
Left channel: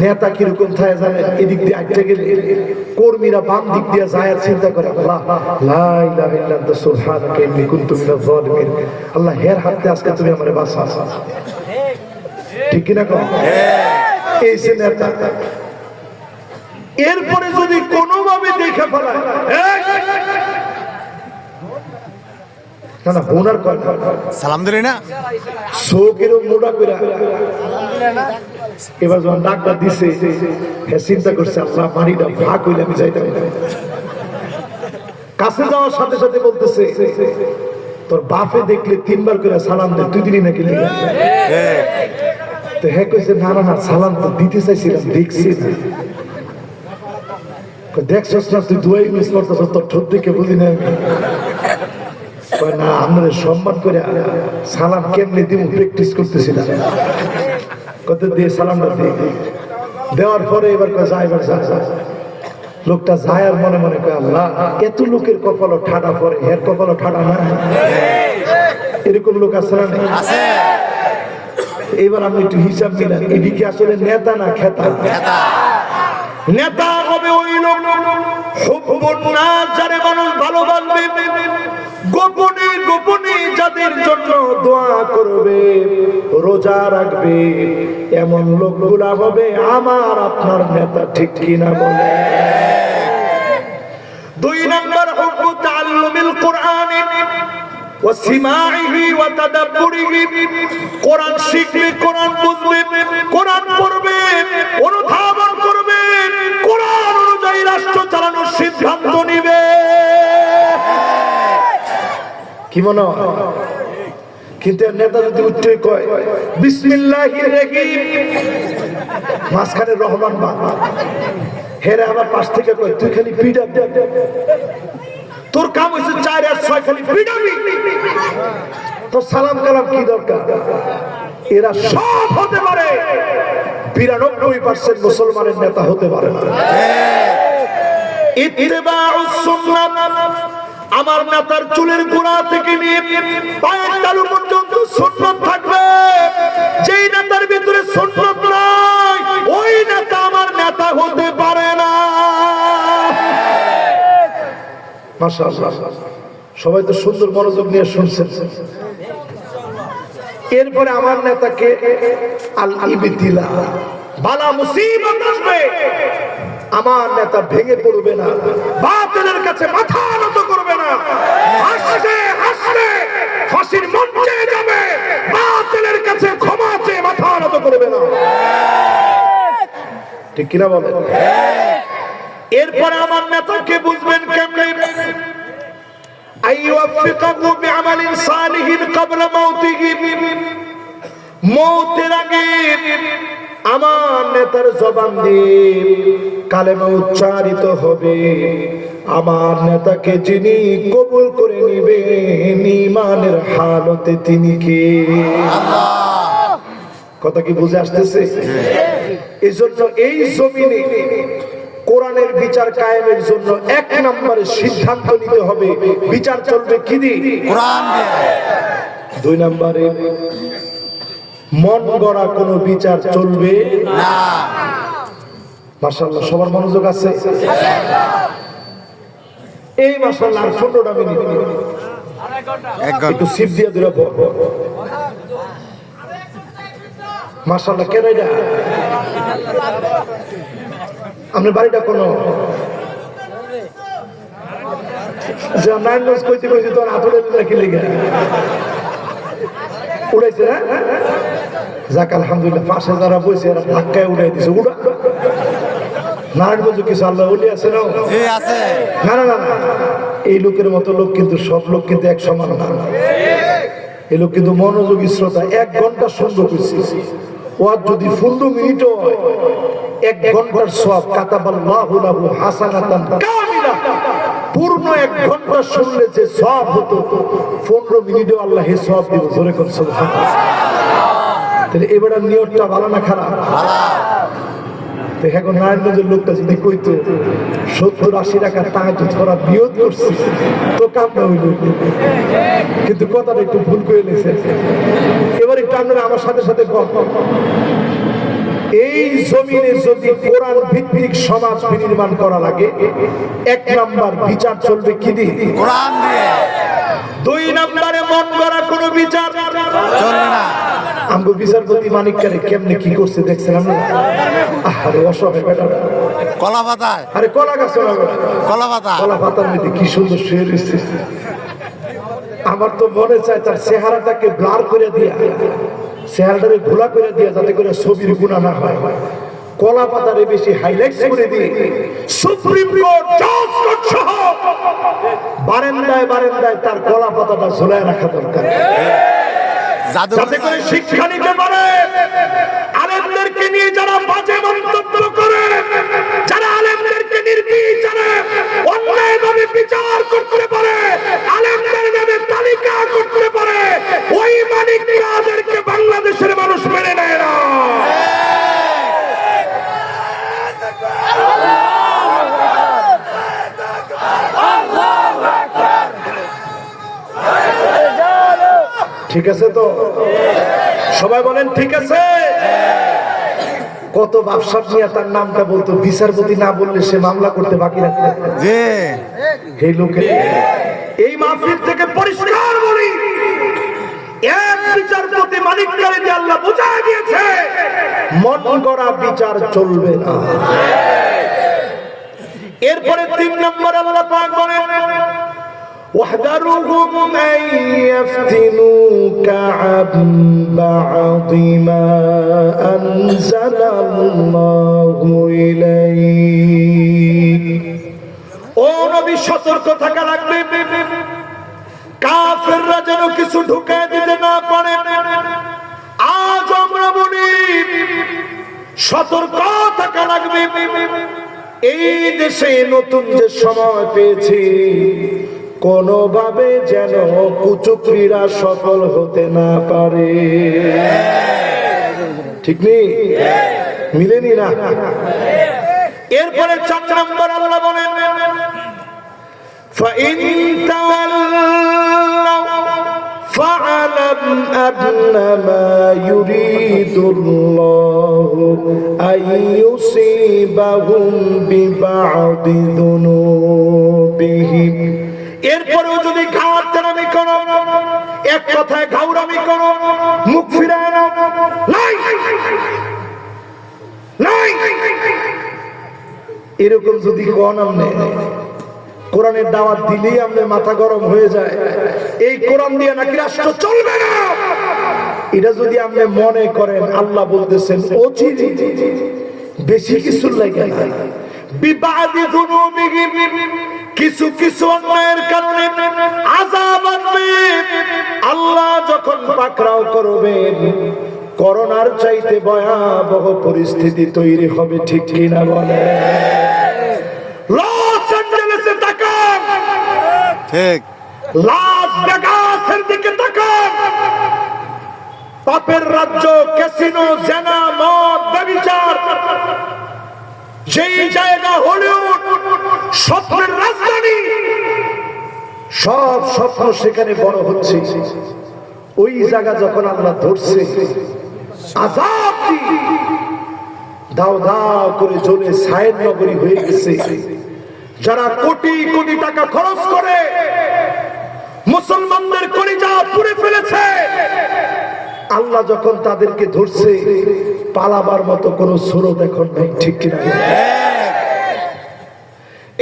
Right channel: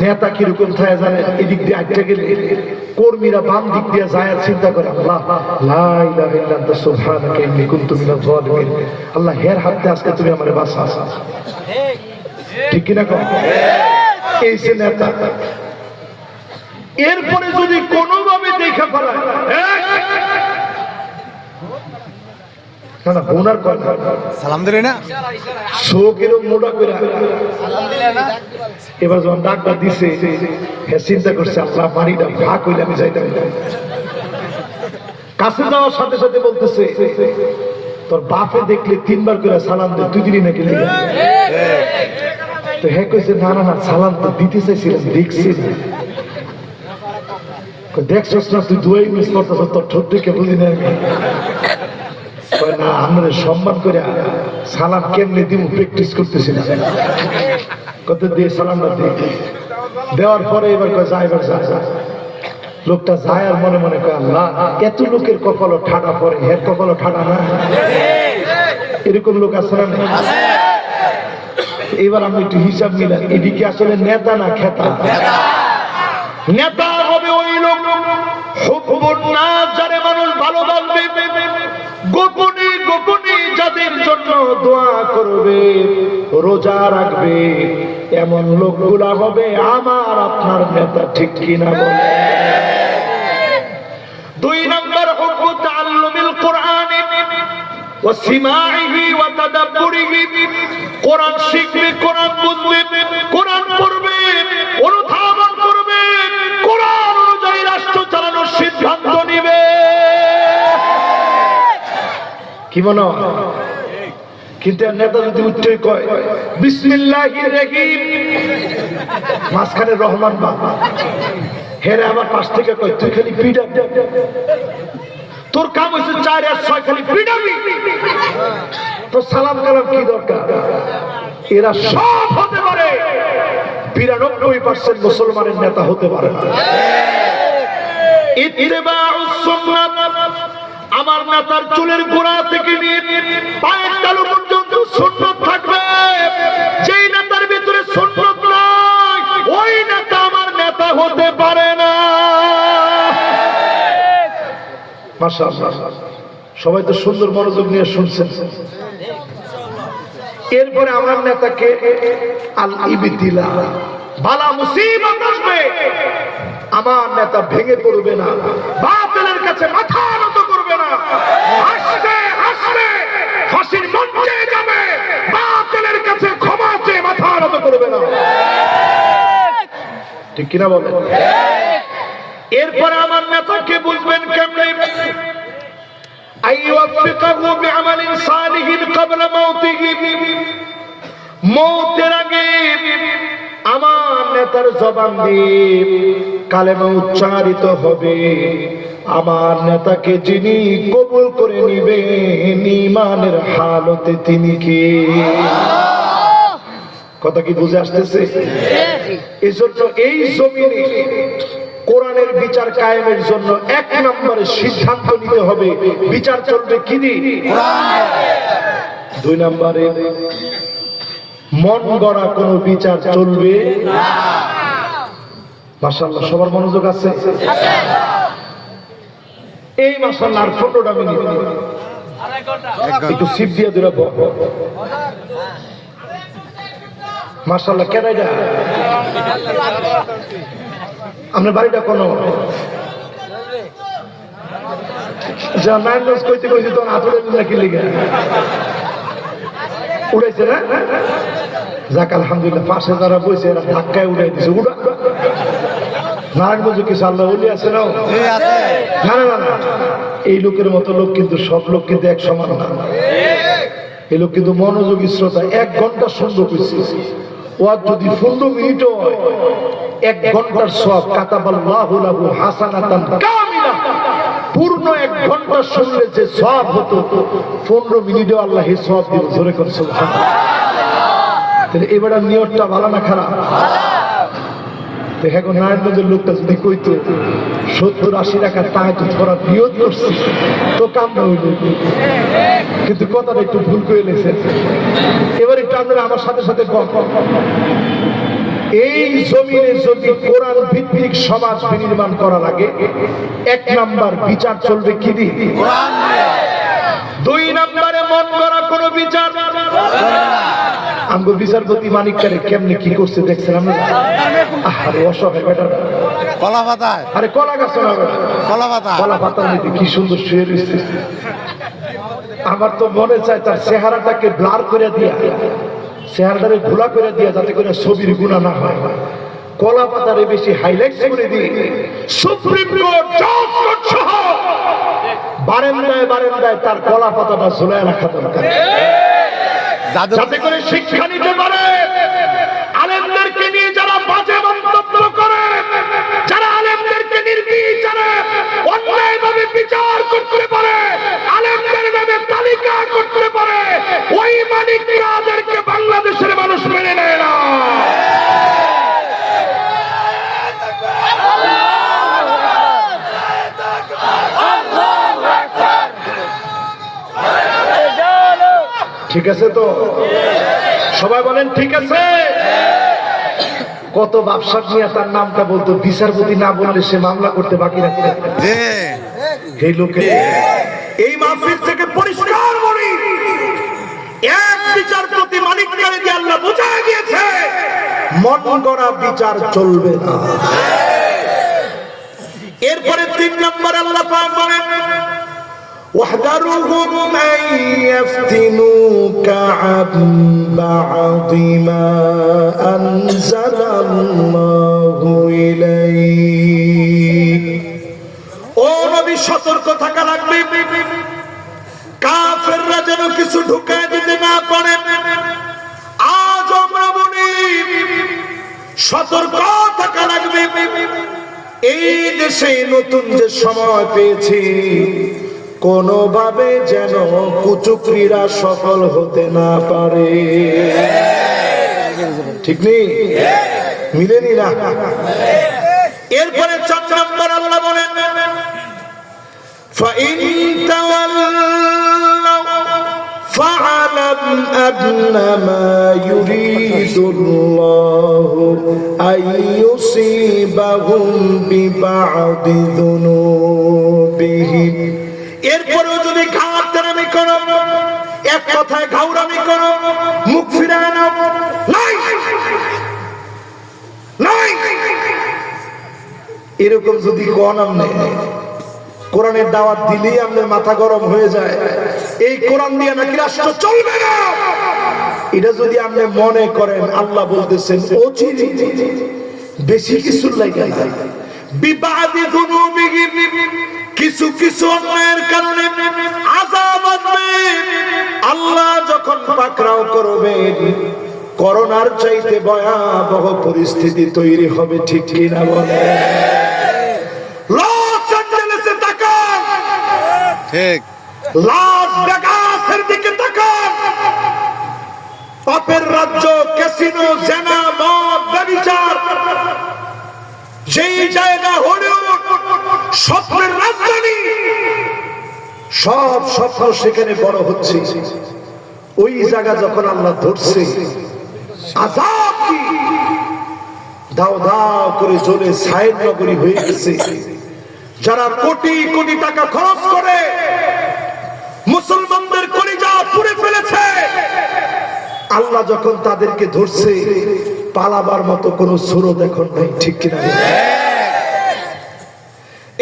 নেতা কিরকম থাকে জানে? এদিক দিয়ে আটটা গেলে কর্মীরা বাম দিক দিয়ে যায় আর চিন্তা করে, আল্লাহ লা ইলাহা ইল্লা আনতা সুবহানাকা ইন্নী কুনতু মিনাজ জালিমিন। আল্লাহ হের হাতে আজকে তুমি আমারে বাঁচাও। ঠিক কিনা? এই যে নেতা। এরপরে যদি কোনোভাবে দেখে ফেলায়, না না বোনার কয় না সালাম দিলি না? চোখ এরকম মোটা করে এবার যখন ডাক্তার দিছে হ্যাঁ চিন্তা করছে আপনার বাড়িটা ভাগ হইলে আমি যাইতাম না। কাছে যাওয়ার সাথে সাথে বলতেছে তোর বাপে দেখলে 3 বার করে সালাম দে, তুই দিলি নাকি লেগে? তো হ্যাঁ কইছে না না না সালাম তো দিতে চাইছিলাম, দেখছি না। দেখছস না তুই দুয়াই মিস করতেছ, তোর ঠোঁট দেখে বুঝি না আমি। কয় না আমরা সম্মান করে সালাম কেমনে দিব প্র্যাকটিস করতেছিলাম। কত দিয়ে সালামটা দিয়ে দেওয়ার পরে এবার কয় যা এবার যা যা। লোকটা যায় আর মনে মনে কয় আল্লাহ এত লোকের কপালও ঠাডা পড়ে, এর কপালও ঠাডা না। এরকম লোক আছে না? এবার আমি একটু হিসাব নিলাম, এদিকে আসলে নেতা না খেতা? নেতা হবে ওই লোক হুব্বুন নাস, যারে মানুষ ভালোবাসবে, গোপনে গোপনে যাদের জন্য দোয়া করবে, রোজা রাখবে, এমন লোকগুলা হবে আমার আপনার নেতা। ঠিক কিনা বলে? 2 নম্বর হুব্বু তাআল্লুমিল কুরআন ওয়া সিমাইহি ওয়া তাদাব্বুরিহি, কোরআন শিখবে, কোরআন বুঝবে, কোরআন পড়বে, অনুধাবন করবে, কোরআন অনুযায়ী রাষ্ট্র চালানোর সিদ্ধান্ত নিবে। কি মনে হয়? কিন্তু নেতা যদি উঠে কয় বিসমিল্লাহির রহিম, মাঝখানে রহমান বাবা, হেরে আবার পাশ থেকে কয় তুই খালি পিডা, তোর কাম হয়েছে 4 আর 6 খালি পিডাবি, তো সালাম কালাম কি দরকার? এরা সব হতে পারে, 92% মুসলমানের নেতা হতে পারে না। ইত্তিবাউস সুন্নাহ, আমার নেতার চুলের গোড়া থেকে নিয়ে পায়ের তালু পর্যন্ত সুন্নাত থাকবে। যেই নেতার ভিতরে সুন্নাত নাই ওই নেতা আমার নেতা হতে পারে না। মাশাআল্লাহ, সবাই তো সুন্দর মনোযোগ নিয়ে শুনছেন। এরপরে আমার নেতাকে আল ইবতিলা, বালা মুসিবত আসবে, আমার নেতা ভেঙে পড়বে না, বাতিলের কাছে মাথা নত করবে না, হাসবে হাসবে ফাঁসির মঞ্চে যাবে, বাতিলের কাছে ক্ষমা চেয়ে মাথা নত করবে না। ঠিক কিনা বলেন? এরপরে আমার নেতাকে বুঝবেন কেমনে? আইয়ুফিকাহু বিআমালিন সালিহিন ক্বাবলা মাউতিহি, মওতের আগে আমার নেতার জবান দিয়ে কালেমা উচ্চারিত হবে, আমার নেতাকে যিনি কবুল করে নিবেন ঈমানের হালতে তিনি কে? কথা কি বুঝে আসতেছে? এজন্য এই জমিনে কোরআনের বিচার কায়েমের জন্য 1 নম্বরে সিদ্ধান্ত নিতে হবে, বিচার চলবে কি দিয়ে? কোরআন। 2 নম্বরে মন গড়া কোনো বিচার চলবে না। মাশাআল্লাহ, সবার মনোযোগ আছে? এই মাশাআল্লাহ আর 15টা মিনিট একটু সিপ দিয়ে দিল। মাশাআল্লাহ, কেন এটা? আপনার বাড়িটা কোন? যা ম্যানস কইতে কইতে তখন আতুরে নাকি লিখে উড়াইছে না? যাক আলহামদুলিল্লাহ, পাশে যারা বইছে এরা ধাক্কায় উড়াই দিছে। উড়া নারায়ণগঞ্জ কিছু আল্লাহ ওলি আছে না? না না না, এই লোকের মতো লোক কিন্তু সব লোক কিন্তু এক সমান না। এই লোক কিন্তু মনোযোগী শ্রোতা। 1 ঘন্টা সুন্দর কইছে, ওয়াজ যদি 15 মিনিটও হয় 1 ঘন্টার সওয়াব কাতাবাল্লাহু লাহু হাসানাতান কামিলা। পূর্ণ 1 ঘন্টা শুনলে যে সওয়াব হতো 15 মিনিটও আল্লাহ এই সওয়াব দিব। জোরে করে সুবহানাল্লাহ। তাহলে এবারে নিয়তটা ভালো না খারাপ? দেখো নারায়ণগঞ্জের লোকটা যদি কইতো 70-80 টাকা তাহাজ্জুদ পড়ার নিয়ত করছি তো কামটা হইল, কিন্তু কথাটা একটু ভুল করে নিয়েছে। এবার একটু আপনারা আমার সাথে সাথে এই জমিনে যদি কোরআন ভিত্তিক সমাজ বিনির্মাণ করা লাগে 1 নাম্বার বিচার চলবে কি দিয়ে? কোরআন দিয়ে। 2 নম্বরে মন গড়া কোনো বিচার চলবে না। আমগো বিচারপতি মানিককারে কেমনে কি করছে দেখছেন না? আরে অসহায় বেটাটা কলা পাতায়, আরে কলা গাছ না, কলা পাতা, কলা পাতার মধ্যে কি সুন্দর শুয়ে রয়েছে। আমার তো মনে চায় তার চেহারাটাকে ব্লার করে দিয়া, চেহারাটাকে ঘোলা করে দিয়া, যাতে করে ছবির গুণা না হয়, কলা পাতারে বেশি হাইলাইট করে দিয়ে সুপ্রিম কোর্ট জজ কোর্ট সহ বারান্দায় বারান্দায় তার কলা পাতাটা ঝুলায় রাখা দরকার, যাতে করে শিক্ষা নিতে পারে। আলেমদেরকে নিয়ে যারা বাজে মন্তব্য করে, যারা আলেমদেরকে নির্বিচারে অন্যায়ভাবে বিচার করতে পারে, আলেমদের নামে তালিকা করতে পারে, ওই মানিকরাদেরকে বাংলাদেশের মানুষ মেনে নেয় না। ঠিক আছে তো? সবাই বলেন ঠিক আছে। কত ব্যবসা নিয়ে তার নামটা বলতো, বিচারপতি না বললে সে মামলা করতে বাকি রাখতে। এই লোকে এই মাহফিল থেকে পরিষ্কার বলি, এক বিচারপতি মানিককারে দিয়ে আল্লাহ বোঝায় দিয়েছে, মন গড়া বিচার চলবে না। এরপরে 3 নম্বর আল্লাহ পাক বলেন, واحذرهم أن يفتنوك عن بعض ما أنزل الله إليك। ও নবী সতর্ক থাকা লাগবে, কাফেররা যেন কিছু ঢুকায় দিতে না পারে। আজ আমরা বলি সতর্ক থাকা লাগবে। এই দেশে নতুন যে সময় পেয়েছি, কোনোভাবে যেন কুচক্রীরা সফল হতে না পারে। ঠিক নেই? মিলেনি না? এরপরে 4 নম্বর আল্লাহ বলেন, فَإِن تَوَلَّوْا فَاعْلَمْ أَنَّمَا يُرِيدُ اللَّهُ أَن يُصِيبَهُم بِبَعْضِ ذُنُوبِهِمْ। এরপরেও যদি ঘাটতারামি করো, এক কথায় ঘাউরামি করো, মুখ ফিরায় নাও, নাই এরকম যদি কোন আমনে কোরআনের দাওয়াত দিলেই আপনার মাথা গরম হয়ে যায়, এই কোরআন দিয়ে নাকি রাষ্ট্র চলবে না, এটা যদি আপনি মনে করেন, আল্লাহ বলতেছেন অচিরে বেশি কিছু লাগে না, বিবাদি যুনুবিহিম, কিছু কিছু অন্যায়ের কারণে আযাব আসবে। আল্লাহ যখন পাকড়াও করবেন, করোনার চাইতে ভয়াবহ পরিস্থিতি তৈরি হবে। ঠিক কিনা বলে? লস অ্যাঞ্জেলেসে তাকান, ঠিক, লাস ভেগাসের দিকে তাকান, পাপের রাজ্য, ক্যাসিনো, জেনা, মদ, ব্যভিচার, যেই জায়গা হলিউড, স্বপ্নের রাজধানী, সব স্বপ্ন সেখানে বড় হচ্ছে। ওই জায়গা যখন আমরা ধরছি, আযাব কি দাও দাও করে জ্বলে ছায়ের নগরী হয়ে গেছে। যারা কোটি কোটি টাকা খরচ করে মুসলমানদের কলিজা পুড়ে ফেলেছে, আল্লাহ যখন তাদেরকে ধরছে, পালাবার মতো কোন সুরত এখন নাই। ঠিক কিনা?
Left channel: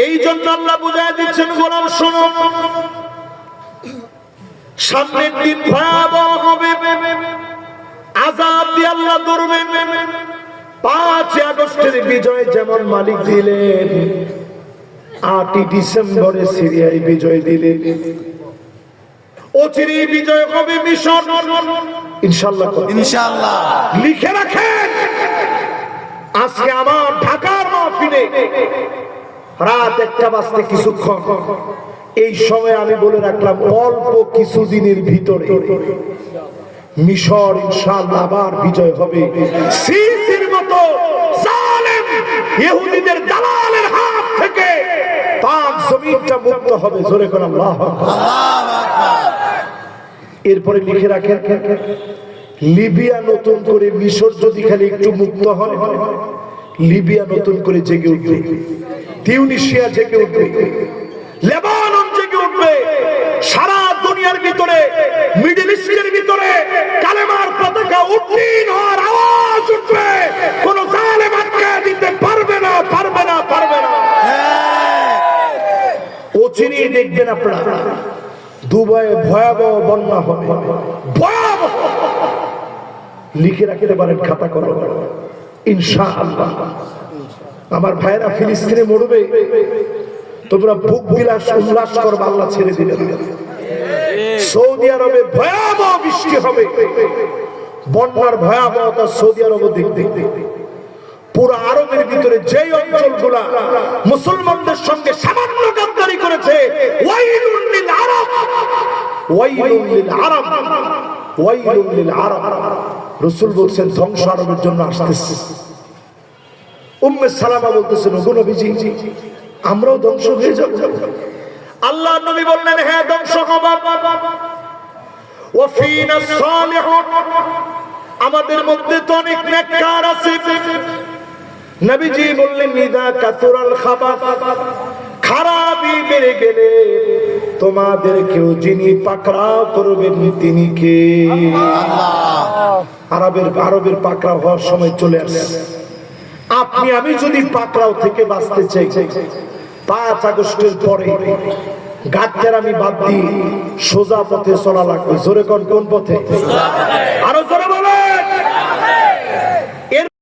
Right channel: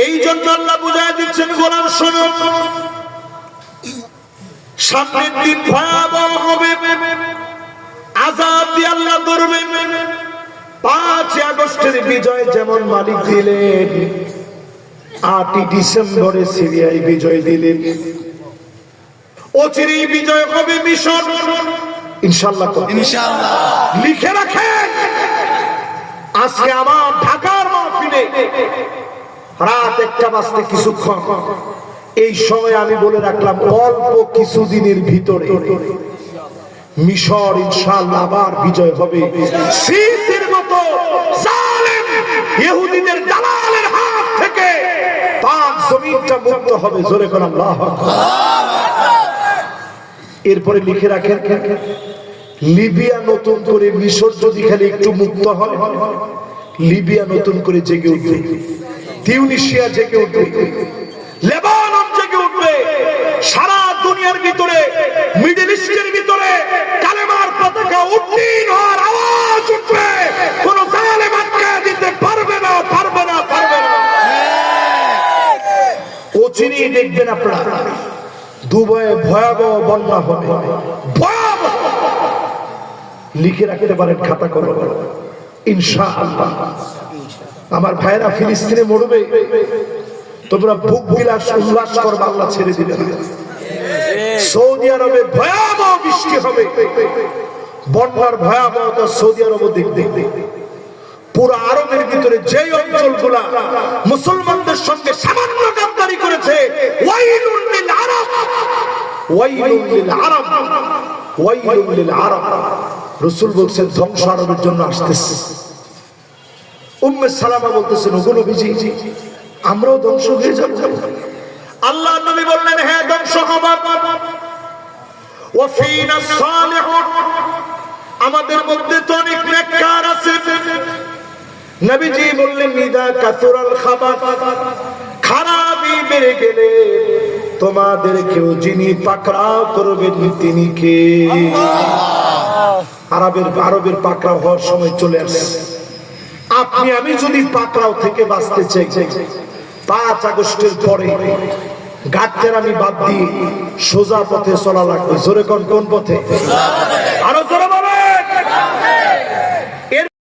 এই জন্য আল্লাহ বুঝায় দিচ্ছেন, গোলাম শোনো, সামনের দিন ভয়াবহ হবে, আযাব দিয়ে আল্লাহ ধরবেন। 5 আগস্টের বিজয় যেমন মালিক দিলেন, 8 ডিসেম্বরে সিরিয়ায় বিজয় দিলেন, অচিরে বিজয় হবে মিশর, ইনশাআল্লাহ। ইনশাআল্লাহ লিখে রাখেন, আজকে আমার ঢাকার মাহফিলে রাত 1টা বাজতে কিছুক্ষণ, এই সময় আমি বলে রাখলাম, অল্প কিছুদিনের ভিতরে মিশর ইনশাআল্লাহ আবার বিজয় হবে। সিসির মতো জালেম ইহুদিদের দালালের হাত থেকে পাক জমিনটা মুক্ত হবে। জোরে করে আল্লাহু আকবার। এরপরে লিখে রাখেন, লিবিয়া নতুন করে, মিশর যদি খালি একটু মুক্ত হয়, লিবিয়া নতুন করে জেগে উঠবে, তিউনিসিয়া জেগে উঠবে, লেবানন জেগে উঠবে, সারা দুনিয়ার ভিতরে, মিডল ইস্টের ভিতরে কালেমার পতাকা উড্ডীন হওয়ার আওয়াজ উঠবে। কোন জালেম আটকে দিতে পারবে না, পারবে না, পারবে না। অচিরেই দেখবেন আপনারা দুবাইয়ে ভয়াবহ বন্যা হবে, ভয়াবহ। লিখে রাখতে পারেন খাতা কলম, ইনশাআল্লাহ। আমার ভাইরা ফিলিস্তিনে মরবে, তোমরা বুক বিলাস উল্লাস করবে, আল্লাহ ছেড়ে দিবে না। সৌদি আরবে ভয়াবহ বৃষ্টি হবে, বন্যার ভয়াবহতা সৌদি আরবে দেখতে। পুরো আরবের ভিতরে যে অঞ্চলগুলা মুসলমানদের সঙ্গে সামান্য গাদ্দারি করেছে, ওয়াইলুন লিল আরব, ওয়াইলুন লিল আরব, ওয়াইলুন লিল আরব। রাসূল বলেন ধ্বংস আরবের জন্য আসতেছে। উম্মে সালামা বলতেছেন, ওগো নবীজি, আমরাও ধ্বংস হয়ে যাব? আল্লাহর নবী বললেন, হ্যাঁ ধ্বংস হবে। ওয়া ফীনা সালিহুন, আমাদের মধ্যে তো অনেক নেককার আছে। নবীজি বললেন, নিদা কাসুরাল খাবাস, খারাপি বেড়ে গেলে তোমাদের কেউ যিনি পাকড়াও করবেন তিনি কে? আরবের পাকড়াও হওয়ার সময় চলে আসে। আপনি আমি যদি পাকড়াও থেকে বাঁচতে চাই, 5 আগস্টের পরে গাছের আমি বাদ দিয়ে সোজা পথে চলা লাগবে। জোরে কোন পথে?